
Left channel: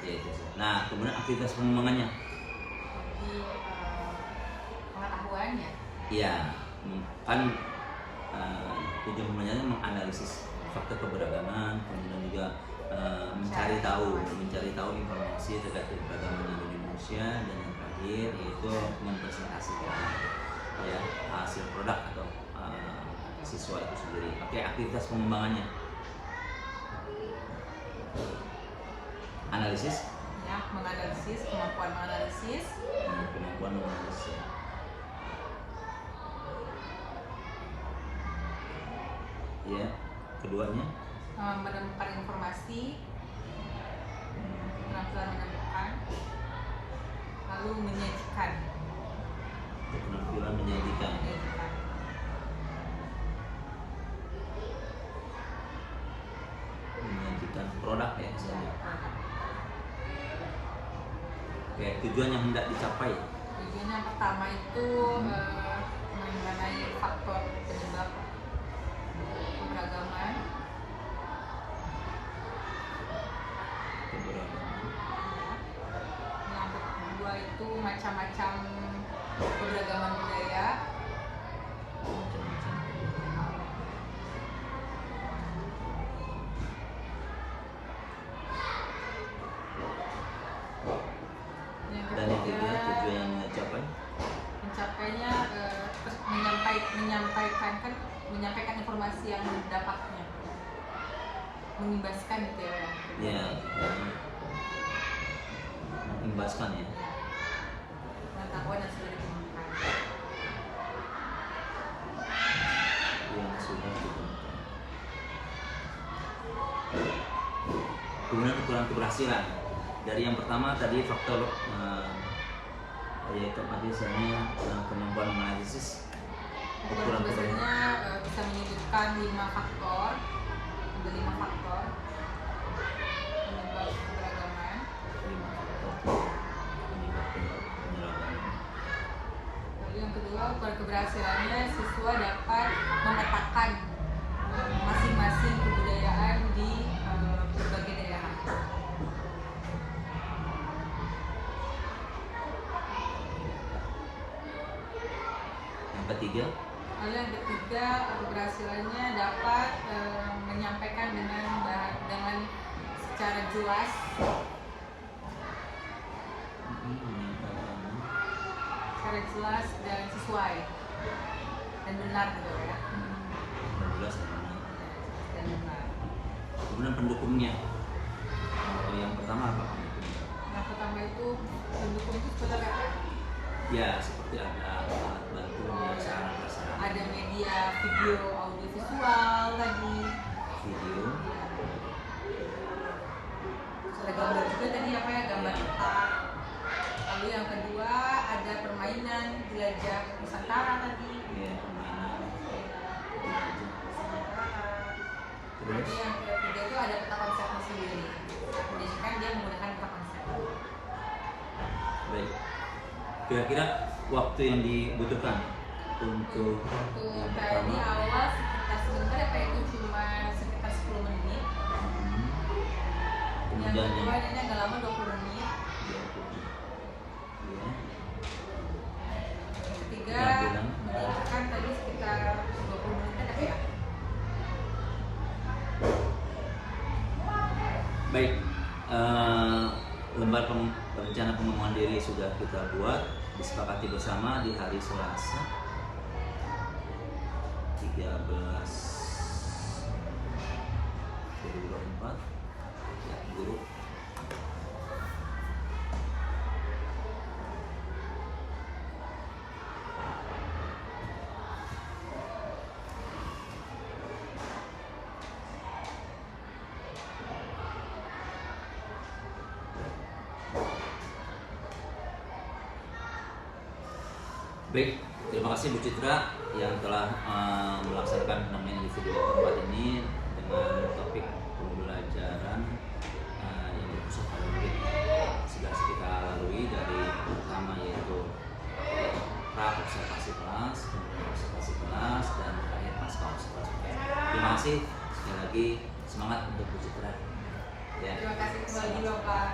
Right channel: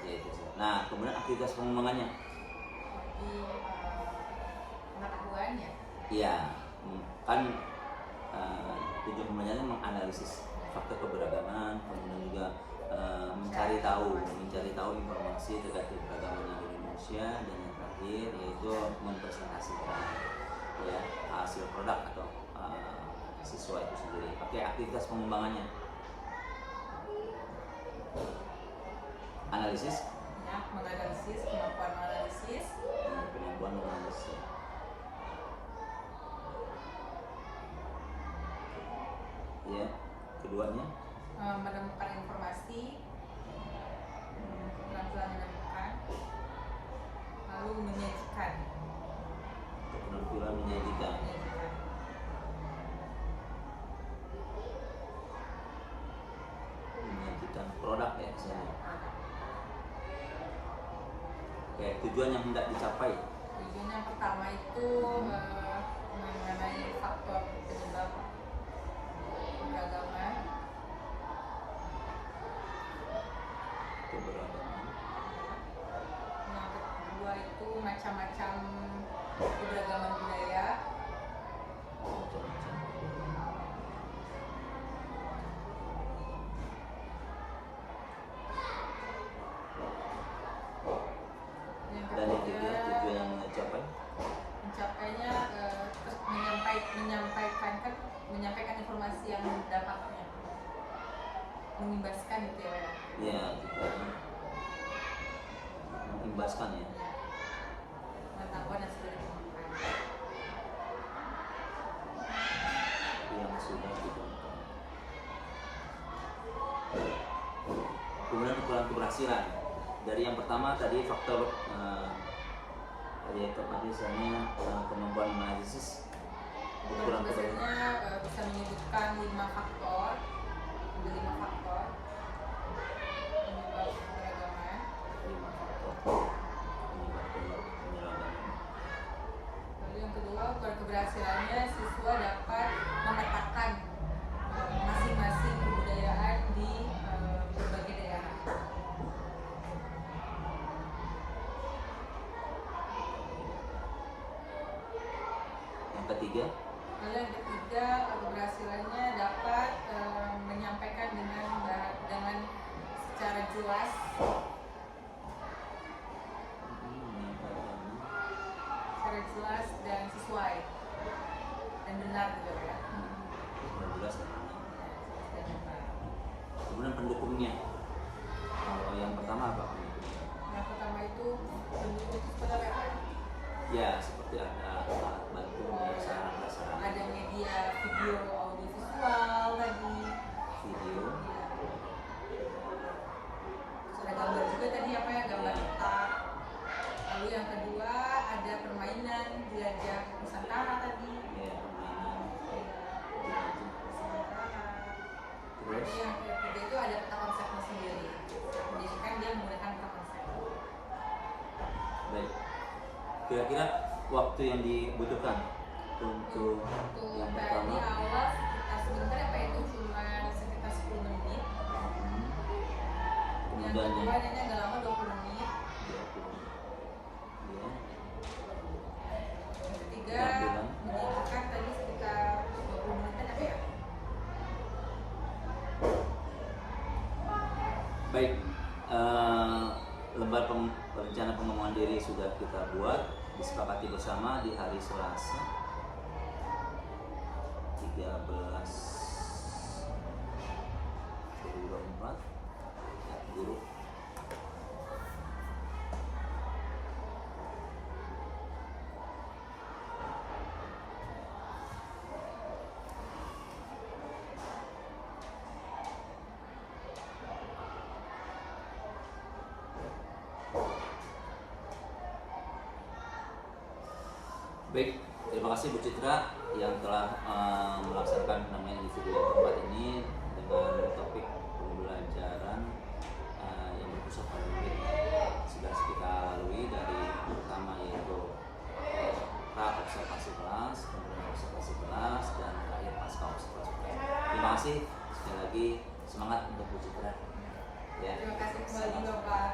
yaitu. Nah, kemudian aktivitas pengembangannya. Jadi pengetahuannya. Iya, kan tujuan pembelajarannya menganalisis faktor keberagaman, kemudian juga mencari tahu informasi terkait keberagaman di Indonesia, dan yang terakhir yaitu mempresentasikan ya hasil produk atau siswa itu sendiri. Oke, aktivitas pengembangannya analisis, ya, menganalisis, kemampuan menganalisis, kemampuan menganalisis. Ya, keduanya menemukan informasi, keterampilan menemukan, lalu menyajikan. keterampilan menyajikan. Menyajikan produk ya misalnya. Oke, tujuan yang hendak dicapai. Tujuan yang pertama itu mengenai faktor penyebab keberagaman. Yang kedua itu macam-macam keberagaman budaya. Dan yang ketiga tujuan yang dicapai. Mencapainya menyampaikan informasi yang dapatnya, mengimbaskan gitu ya. Ya, mengimbaskan ya. Pengetahuan yang sudah ditemukan. Yang sudah ditemukan. Kemudian ukuran keberhasilan. Dari yang pertama tadi faktor yaitu misalnya kemampuan menganalisis. Ukuran keberhasilannya bisa menyebutkan 5 faktor. Ada 5 faktor penyebab keberagaman. 5 faktor penyebab keberagaman. Lalu yang kedua, ukuran keberhasilannya siswa dapat memetakan masing-masing kebudayaan di berbagai daerah. Yang ketiga, Lalu yang ketiga, keberhasilannya dapat menyampaikan dengan secara jelas, dan sesuai dan benar gitu ya. jelas dan benar. Dan benar. Kemudian pendukungnya. Yang pertama apa pendukungnya? Yang pertama itu pendukung itu seperti apa? Ya, seperti ada alat bantu prasarana. Ada media video, audio, visual tadi. Video. Sudah gambar juga tadi apa ya, gambar peta. Lalu yang kedua ada permainan, jelajah Nusantara tadi. Ya, permainan. Terus Terus yang ketiga itu ada peta konsepnya sendiri. Jadi kan dia menggunakan peta konsep. baik. Kira-kira waktu yang dibutuhkan untuk Untuk yang tadi pertama awal sebentar apa itu cuma sekitar 10 menit. Yang kemudian kedua yang ini agak lama 20 menit. Ketiga menyiapkan tadi sekitar 20 menit apa ya? baik. Lembar rencana pengembangan diri sudah kita buat, disepakati bersama di hari Selasa 13 2024 ya, guru. Baik, terima kasih Bu Citra yang telah melaksanakan namanya di video keempat ini dengan topik pembelajaran yang berpusat pada murid. Sudah kita lalui dari pertama yaitu pra observasi kelas, kemudian observasi kelas, dan terakhir pasca observasi kelas. Terima kasih sekali lagi, semangat untuk Bu Citra. Ya. Terima kasih kembali Bapak.